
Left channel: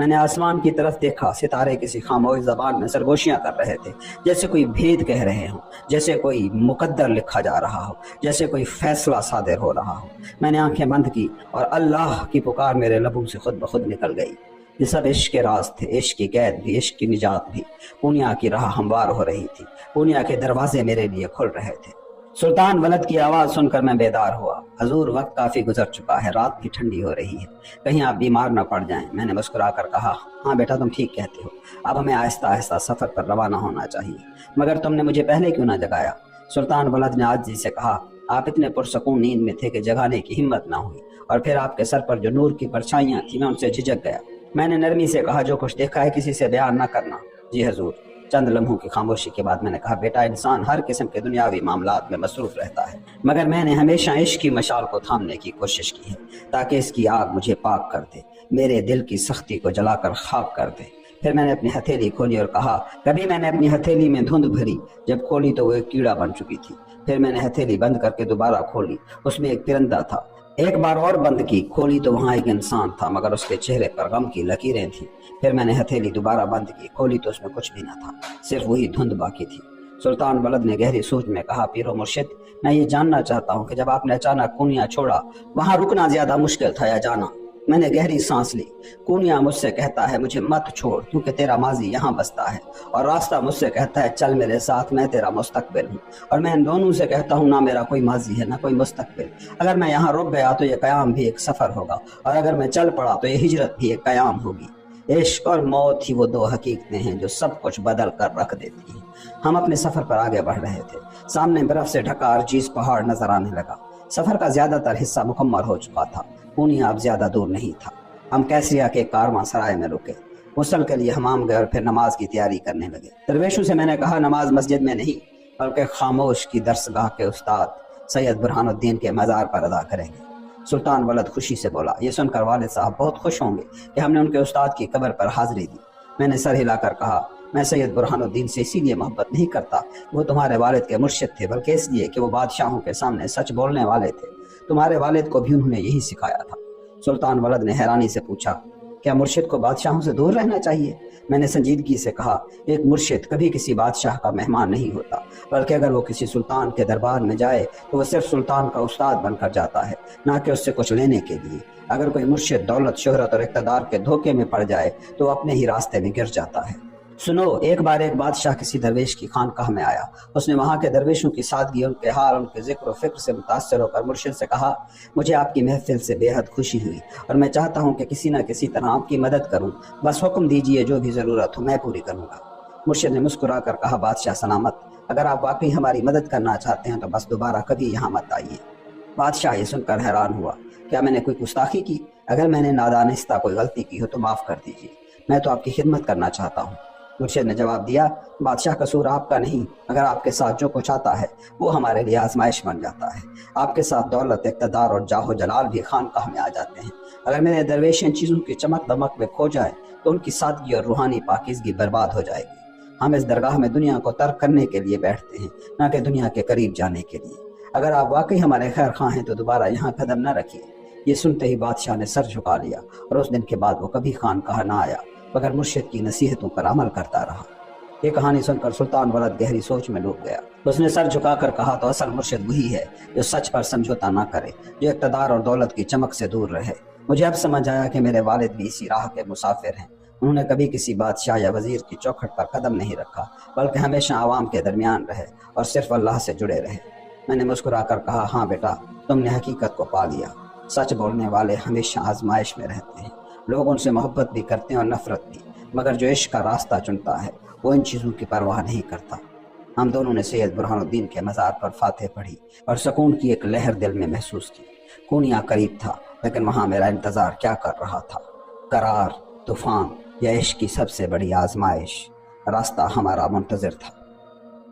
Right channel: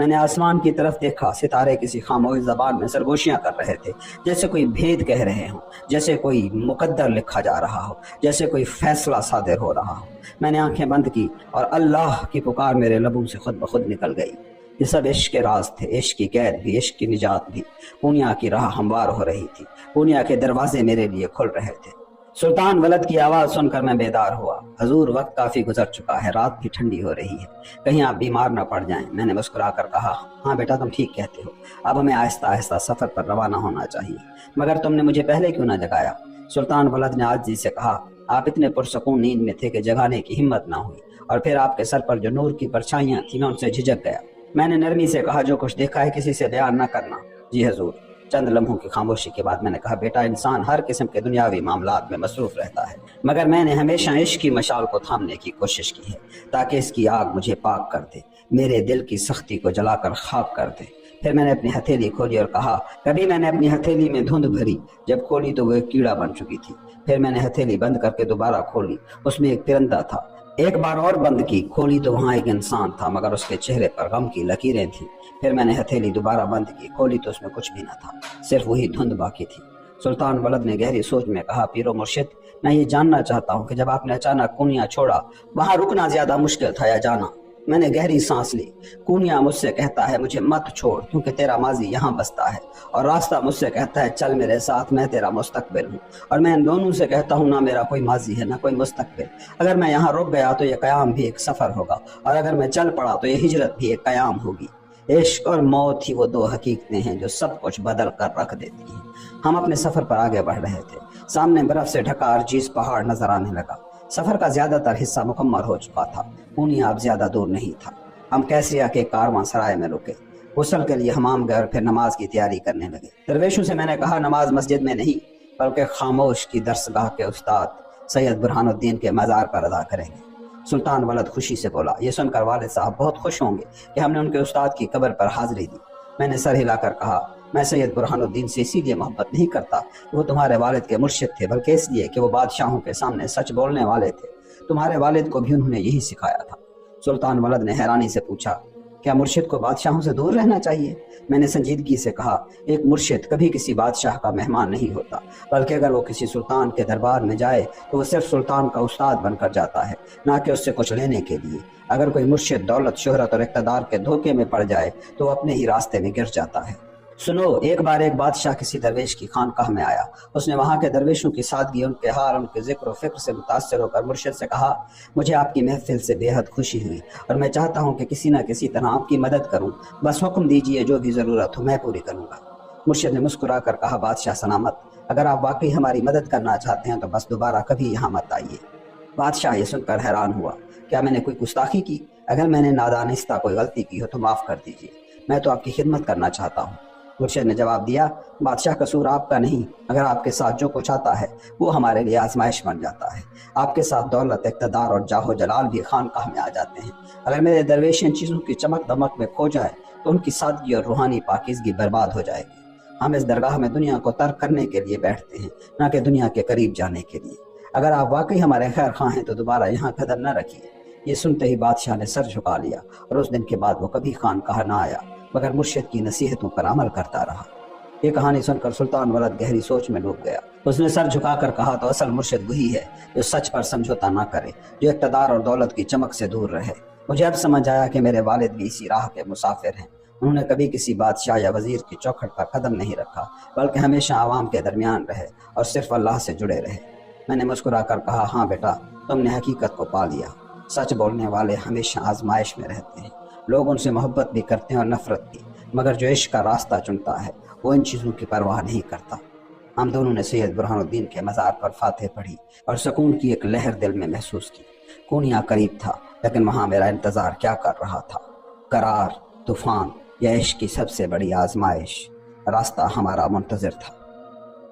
میں نے آسمان کی طرف دیکھا، ستارے کسی خاموش زبان میں سرگوشیاں کر رہے تھے، جیسے کوئی بھید کہہ رہے ہوں، جیسے کوئی مقدر لکھا جا رہا ہو، جیسے کوئی فیصلہ صادر ہو رہا ہو۔ میں نے آنکھیں بند کی اور اللہ کی پکار میرے لبوں سے خود بخود نکل گئی۔ یہ سب عشق کے راز تھے، عشق کی قید بھی، عشق کی نجات بھی۔ پونیا کی راہ ہموار ہو رہی تھی، پونیا کے دروازے میرے لیے کھل رہے تھے۔ سلطان ولد کی آواز سن کر میں بیدار ہوا۔ حضور وقت کافی گزر چکا ہے، رات بھی ٹھنڈی ہو رہی ہے، کہیں آپ بیمار نہ پڑ جائیں۔ میں نے مسکرا کر کہا، ہاں بیٹا تم ٹھیک کہتے ہو، اب ہمیں آہستہ آہستہ سفر پر روانہ ہونا چاہیے، مگر تم نے مجھے پہلے کیوں نہ جگایا؟ سلطان ولد نے عاجزی سے کہا، آپ اتنے پرسکون نیند میں تھے کہ جگانے کی ہمت نہ ہوئی، اور پھر آپ کے سر پر جو نور کی پرچھائیاں تھیں میں ان سے جھجک گیا۔ میں نے نرمی سے کہا، جو کچھ دیکھا ہے کسی سے بیان نہ کرنا۔ جی حضور۔ چند لمحوں کی خاموشی کے بعد میں نے کہا، بیٹا انسان ہر قسم کے دنیاوی معاملات میں مصروف رہتا ہے، مگر میں نے ہمیشہ عشق کی مشال کو تھامنے کی کوشش کی ہے تاکہ اس کی آگ مجھے پاک کر دے، میرے دل کی سختی کو جلا کر خاک کر دے۔ پھر میں نے اپنی ہتھیلی کھولی اور کہا، کبھی میں نے اپنی ہتھیلی میں دھند بھری، جب کھولی تو وہ ایک کیڑا بن چکی تھی۔ پھر میں نے ہتھیلی بند کر کے دوبارہ کھولی، اس میں ایک پرندہ تھا۔ ایک بار اور بند کی، کھولی تو وہاں ایک انسان تھا، مگر اس کے چہرے پر غم کی لکیریں تھیں۔ پھر میں نے ہتھیلی دوبارہ بند کی، کھولی تو اس میں کچھ بھی نہ تھا، صرف وہی دھند باقی تھی۔ سلطان ولد نے گہری سوچ میں کہا، پیر و مرشد، میں یہ جاننا چاہتا ہوں کہ جب آپ نے اچانک کونیا چھوڑا، وہاں رکنا زیادہ مشکل تھا یا جانا؟ میں نے گہری سانس لی۔ کونیا مجھ سے کہتا ہے، مجھے مت چھوڑ کیونکہ تیرا ماضی یہاں بستا ہے، اور راستہ مجھ سے کہتا ہے، چل میرے ساتھ، میں تیرا مستقبل ہوں۔ اور میں ان دونوں سے کہتا ہوں، نہ میرا کوئی ماضی ہے نہ کوئی مستقبل۔ اگر میں یہاں رک گیا تو یہ قیام بھی ایک سفر ہوگا، اور اگر میں چل پڑا تو یہ ہجرت بھی ایک قیام ہوگی۔ عشق اور موت ہی وہ دو حقیقتیں ہیں جو سب کچھ بدل کر رکھ دیتی ہیں۔ ہم اپنے سفر پر آگے بڑھ رہے تھے، سامنے برف سے ڈھکا عرجیز پہاڑ نظر آنے لگا۔ سفر کا زیادہ تر حصہ مکمل ہو چکا تھا، پونیا اب زیادہ دور نہیں تھا۔ ہم کیسریا کے کارواں سرائے میں رکے، غسل کے لیے حمام گئے اور پھر نماز کی تیاری کرنے لگے۔ درویشوں سے میں نے کہا، نماز مسجد میں نہیں بلکہ خاموش کی درسگاہ کے استاد سید برہان الدین کے مزار پر ادا کریں گے۔ سلطان ولد خوشی سے بولا، یہ سن کر والد صاحب بہت خوش ہوں گے کہ ہم نے ان کے استاد کی قبر پر حاضری دی۔ میں نے سر ہلا کر کہا، میں سید برہان الدین سے اسی لیے محبت نہیں کرتا کہ وہ تمہارے والد کے مرشد تھے، بلکہ اس لیے کہ وہ بادشاہوں کے سامنے سچ بولنے والے تھے۔ تمہارے والد کو بھی انہوں نے یہی سکھایا تھا۔ سلطان ولد نے حیرانی سے پوچھا، کیا مرشد کو بادشاہوں سے دور رہنا چاہیے؟ میں نے سنجیدگی سے کہا، ایک مرشد کبھی کسی بادشاہ کا مہمان نہیں ہوتا، بلکہ اگر وہ کسی سلطان کے دربار میں جائے تو وہ صرف سلطان کا استاد بن کر جاتا ہے، نہ کہ اس سے کچھ لینے کے لیے۔ اگر کوئی مرشد دولت، شہرت اور اقتدار کے دھوکے میں پڑ جائے تو وہ اپنے ہی راستے میں گر جاتا ہے۔ سنو، ایک بار ایک بادشاہ کسی درویش کی خانقاہ میں آیا۔ اس نے وہاں کے درویشوں کی سادگی، ان کے حال، ان کے ذکر و فکر سے متاثر ہو کر مرشد سے کہا، مجھے آپ کی محفل سے بے حد خوشی ہوئی اور میں چاہتا ہوں کہ کسی نہ کسی طرح آپ کی مدد کروں، بس حکم دیجئے، جو بھی ضرورت ہو میں پوری کروں گا۔ مرشد نے مسکرا کر کہا، بادشاہ سلامت، اگر آپ واقعی ہماری مدد کرنا چاہتے ہیں تو بس دوبارہ کبھی یہاں مت آئیے۔ بادشاہ یہ سن کر حیران ہوا، کیا میں نے کوئی گستاخی کی؟ اگر میں نے نادانستہ کوئی غلطی کی ہو تو معاف کر دیجیے، میں تو آپ کی خدمت کرنا چاہتا ہوں۔ مرشد نے جواب دیا، بادشاہ قصور آپ کا نہیں، اگر آپ کے ساتھ جو کچھ آتا ہے وہ ہمارے لیے آزمائش بن جاتا ہے۔ آپ کے ساتھ دولت، اقتدار اور جاہ و جلال بھی خانقاہ میں آ جاتے ہیں۔ اگر میرے درویش ان چیزوں کی چمک دمک میں کھو جائیں تو ان کی سادگی اور روحانی پاکیزگی برباد ہو جائے گی۔ ہم اس درگاہ میں دنیا کو ترک کرنے کے لیے بیٹھتے ہیں، نہ کہ دنیا کے قریب جانے کے لیے۔ اگر آپ واقعی ہمارے خیر خواہ ہیں تو دوبارہ یہاں قدم نہ رکھیے۔ یہ سنتے ہی بادشاہ نے سر جھکا لیا اور اس دن کے بعد وہ کبھی خانقاہ نہ آیا، مگر مرشد کی نصیحتوں پر عمل کرتا رہا۔ یہ کہانی سن کر سلطان ولد گہری سوچ میں ڈوب گیا۔ اس نے سر جھکا کر کہا، تو اصل مرشد وہی ہے جو سچ پر سمجھوتا نہ کرے، جو اقتدار اور دولت کی چمک سے دور رہے۔ مجھے اب سمجھ آیا کہ میرے والد بھی اسی راہ کے مسافر ہیں۔ انہوں نے کبھی کسی بادشاہ یا وزیر کی چوکھٹ پر قدم نہیں رکھا، بلکہ ہمیشہ عوام کے درمیان رہے اور صرف اللہ سے جڑے رہے۔ میں نے مسکرا کر کہا، ہاں بیٹا، تم نے حقیقت کو پا لیا۔ سچ بولنے والے ہمیشہ آزمائش میں رہتے ہیں، لوگ ان سے محبت بھی کرتے ہیں اور نفرت بھی، مگر جو عشق کا راستہ چنتا ہے وہ ان چیزوں کی پرواہ نہیں کرتا۔ ہم دونوں نے سید برہان الدین کے مزار پر فاتح پڑھی اور سکون کی ایک لہر دل میں محسوس کی۔ کونیا قریب تھا، لیکن وہاں میرا انتظار کیا کر رہا تھا؟ قرار، طوفان یا عشق کی سب سے بڑی آزمائش؟ راستہ ہمارا منتظر تھا۔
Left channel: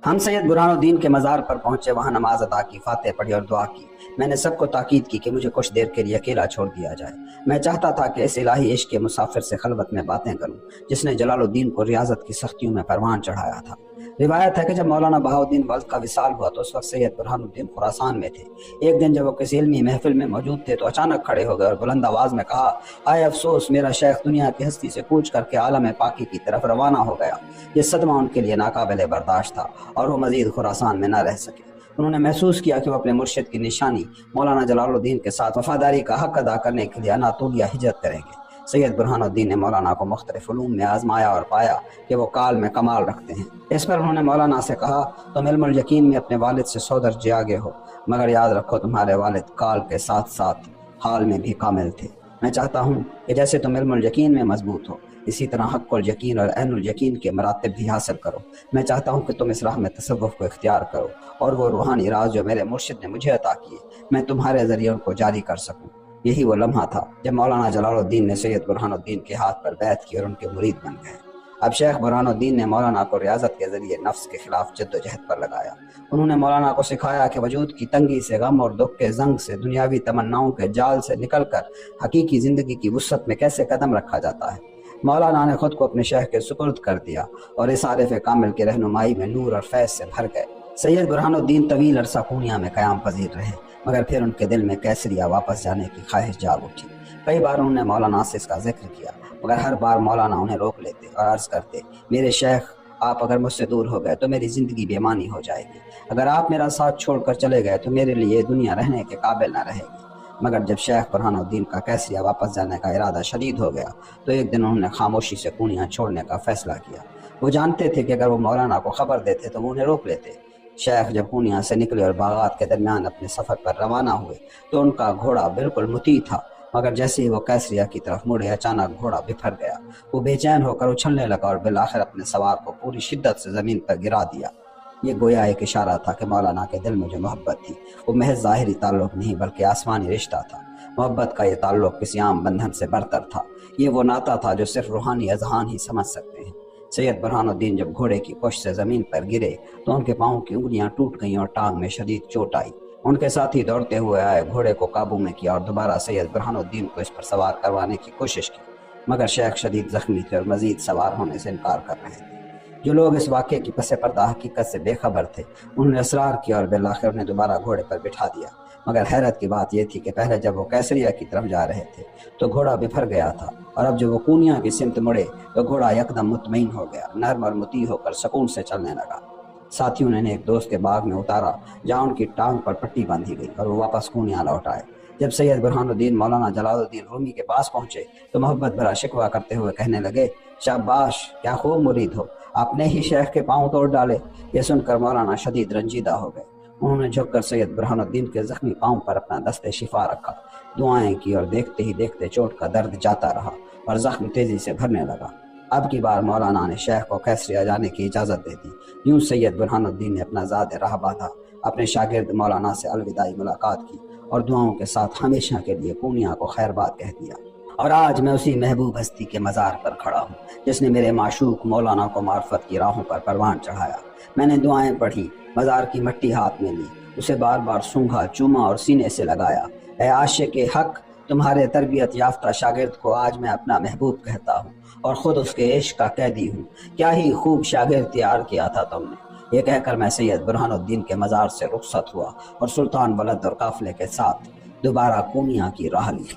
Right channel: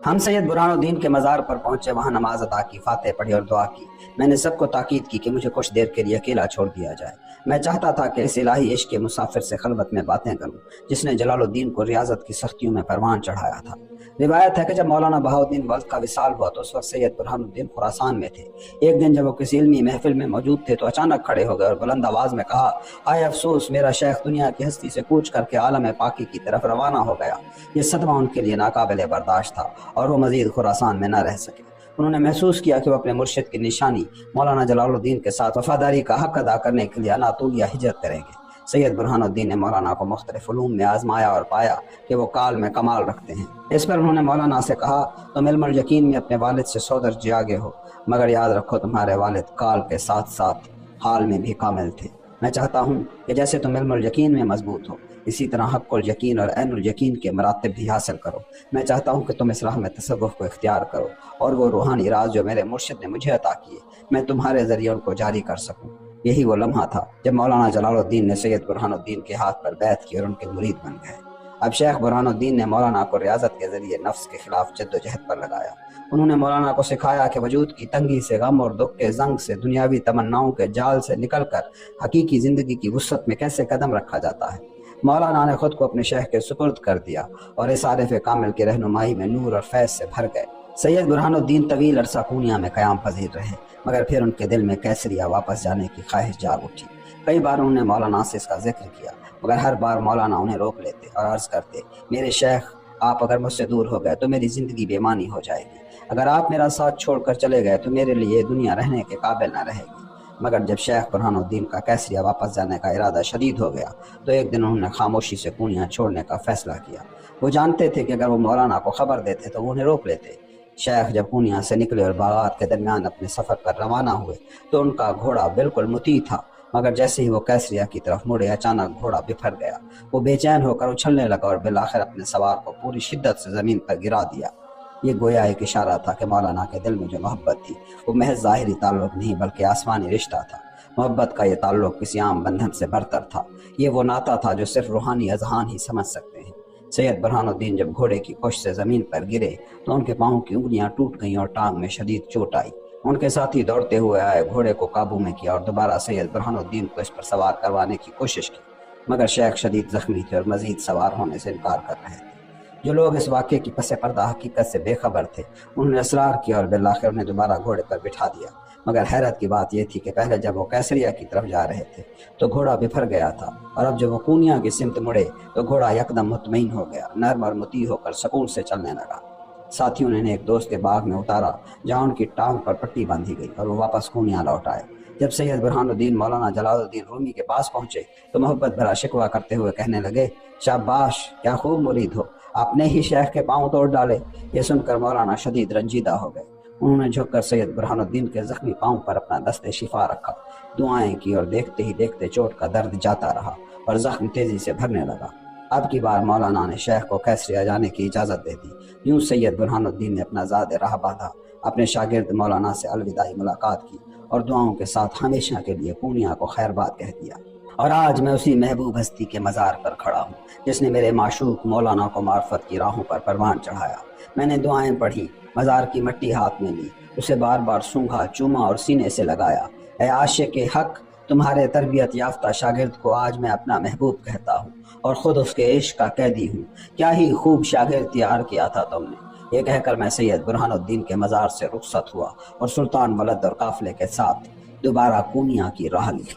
ہم سید برہان الدین کے مزار پر پہنچے، وہاں نماز ادا کی، فاتح پڑھی اور دعا کی۔ میں نے سب کو تاکید کی کہ مجھے کچھ دیر کے لیے اکیلا چھوڑ دیا جائے۔ میں چاہتا تھا کہ اس الہی عشق کے مسافر سے خلوت میں باتیں کروں جس نے جلال الدین کو ریاضت کی سختیوں میں پروان چڑھایا تھا۔ روایت ہے کہ جب مولانا بہاؤالدین ولد کا وصال ہوا تو اس وقت سید برہان الدین خراسان میں تھے۔ ایک دن جب وہ کسی علمی محفل میں موجود تھے تو اچانک کھڑے ہو گئے اور بلند آواز میں کہا، آئے افسوس، میرا شیخ دنیا کی ہستی سے کوچ کر کے عالم پاکی کی طرف روانہ ہو گیا۔ یہ صدمہ ان کے لیے ناقابل برداشت تھا اور وہ مزید خراسان میں نہ رہ سکے۔ انہوں نے محسوس کیا کہ وہ اپنے مرشد کی نشانی مولانا جلال الدین کے ساتھ وفاداری کا حق ادا کرنے کے لیے اناطولیہ ہجرت کریں گے۔ سید برہان الدین نے مولانا کو مختلف علوم میں آزمایا اور پایا کہ وہ کال میں کمال رکھتے ہیں۔ اس پر انہوں نے مولانا سے کہا، تم علم الیقین میں اپنے والد سے 100 درجے آگے ہو، مگر یاد رکھو تمہارے والد کال کے ساتھ ساتھ حال میں بھی کامل تھے۔ میں چاہتا ہوں کہ جیسے تم علم الیقین میں مضبوط ہو، اسی طرح حق الیقین اور عین الیقین کے مراتب بھی حاصل کرو۔ میں چاہتا ہوں کہ تم اس راہ میں تصوف کو اختیار کرو اور وہ روحانی راز جو میرے مرشد نے مجھے عطا کیے میں تمہارے ذریعے ان کو جاری کر سکوں۔ یہی وہ لمحہ تھا جب مولانا جلال الدین نے سید برہان الدین کے ہاتھ پر بیعت کی اور ان کے مرید بن گئے۔ اب شیخ برہان الدین نے مولانا کو ریاضت کے ذریعے نفس کے خلاف جد و جہد پر لگایا۔ انہوں نے مولانا کو سکھایا کہ وجود کی تنگی سے، غم اور دکھ کے زنگ سے، دنیاوی تمناؤں کے جال سے نکل کر حقیقی زندگی کی وسعت میں کیسے قدم رکھا جاتا ہے۔ مولانا نے خود کو اپنے شیخ کے سپرد کر دیا اور اس عارف کامل کی رہنمائی میں نور اور فیض سے بھر گئے۔ سید برہان الدین طویل عرصہ پونیا میں قیام پذیر رہے، مگر پھر ان کے دل میں کیسریا واپس جانے کی خواہش جاگ اٹھی۔ کئی بار انہوں نے مولانا سے اس کا ذکر کیا، مگر ہر بار مولانا انہیں روک لیتے اور عرض کرتے، میرے شیخ، آپ اگر مجھ سے دور ہو گئے تو میری زندگی بے معنی ہو جائے گی۔ اگر آپ میرا ساتھ چھوڑ کر چلے گئے تو میرے لیے دنیا رہنے کے قابل نہ رہے گی۔ مگر جب شیخ برہان الدین کا کیسریا واپس جانے کا ارادہ شدید ہو گیا تو ایک دن انہوں نے خاموشی سے پونیا چھوڑنے کا فیصلہ کیا۔ وہ جانتے تھے کہ اگر وہ مولانا کو خبر دیتے تو وہ انہیں روک لیتے۔ شیخ جب پونیا سے نکلے اور باغات کے درمیان اپنے سفر پر روانہ ہوئے تو ان کا گھوڑا بالکل مطیع تھا، مگر جیسے ہی وہ کیسریا کی طرف مڑے اچانک گھوڑا بفر گیا۔ وہ بے چین ہو کر اچھلنے لگا اور بالآخر اپنے سوار کو پوری شدت سے زمین پر گرا دیا۔ یہ گویا ایک اشارہ تھا کہ مولانا کے دل میں جو محبت تھی وہ محض ظاہری تعلق نہیں بلکہ آسمانی رشتہ تھا۔ محبت کا یہ تعلق کسی عام بندھن سے برتر تھا، یہ وہ ناطہ تھا جو صرف روحانی اذہان ہی سمجھ سکتے ہیں۔ سید برہان الدین جب گھوڑے کی پشت سے زمین پر گرے تو ان کے پاؤں کی انگلیاں ٹوٹ گئیں اور ٹانگ میں شدید چوٹ آئی۔ ان کے ساتھی دوڑتے ہوئے آئے، گھوڑے کو قابو میں کیا اور دوبارہ سید برہان الدین کو اس پر سوار کروانے کی کوشش کی، مگر شیخ شدید زخمی تھے اور مزید سوار ہونے سے انکار کر رہے تھے۔ جو لوگ اس واقعے کی پس پردہ حقیقت سے بے خبر تھے انہوں نے اصرار کیا اور بالآخر انہیں دوبارہ گھوڑے پر بٹھا دیا، مگر حیرت کی بات یہ تھی کہ پہلے جب وہ کیسریا کی طرف جا رہے تھے تو گھوڑا بفر گیا تھا، اور اب جب وہ پونیا کی سمت مڑے تو گھوڑا یکدم مطمئن ہو گیا، نرم اور مطیع ہو کر سکون سے چلنے لگا۔ ساتھیوں نے ایک دوست کے باغ میں اتارا جہاں ان کی ٹانگ پر پٹی باندھی گئی اور وہ واپس پونیا لوٹ آئے۔ جب سید برہان الدین مولانا جلال الدین رومی کے پاس پہنچے تو محبت بھرا شکوہ کرتے ہوئے کہنے لگے، شاباش، کیا خوب مرید ہو، آپ نے ہی شیخ کے پاؤں توڑ ڈالے۔ یہ سن کر مولانا شدید رنجیدہ ہو گئے۔ انہوں نے جھک کر سید برہان الدین کے زخمی پاؤں پر اپنا دست شفا رکھا، دعائیں کی اور دیکھتے ہی دیکھتے چوٹ کا درد جاتا رہا اور زخم تیزی سے بھرنے لگا۔ اب کی بار مولانا نے شیخ کو کیسریا جانے کی اجازت دے دی۔ یوں سید برہان الدین نے اپنا زاد راہ باندھا، اپنے شاگرد مولانا سے الوداعی ملاقات کی اور دعاؤں کے ساتھ ہمیشہ کے لیے پونیا کو خیر بات کہہ دیا۔ اور آج میں اسی محبوب ہستی کے مزار پر کھڑا ہوں جس نے میرے معشوق مولانا کو معرفت کی راہوں پر پروان چڑھایا۔ میں نے دعائیں پڑھی، مزار کی مٹی ہاتھ میں لی، اسے بار بار سونگھا، چوما اور سینے سے لگایا۔ اے عاشق حق، تمہارے تربیت یافتہ شاگرد کو آج میں اپنا محبوب کہتا ہوں اور خود اس کے عشق کا قیدی ہوں۔ کیا ہی خوب شاگرد تیار کیا تھا تم نے۔ یہ کہہ کر میں سید برہان الدین کے مزار سے رخصت ہوا اور سلطان ولد اور قافلے کے ساتھ دوبارہ پونیا کی راہ لی۔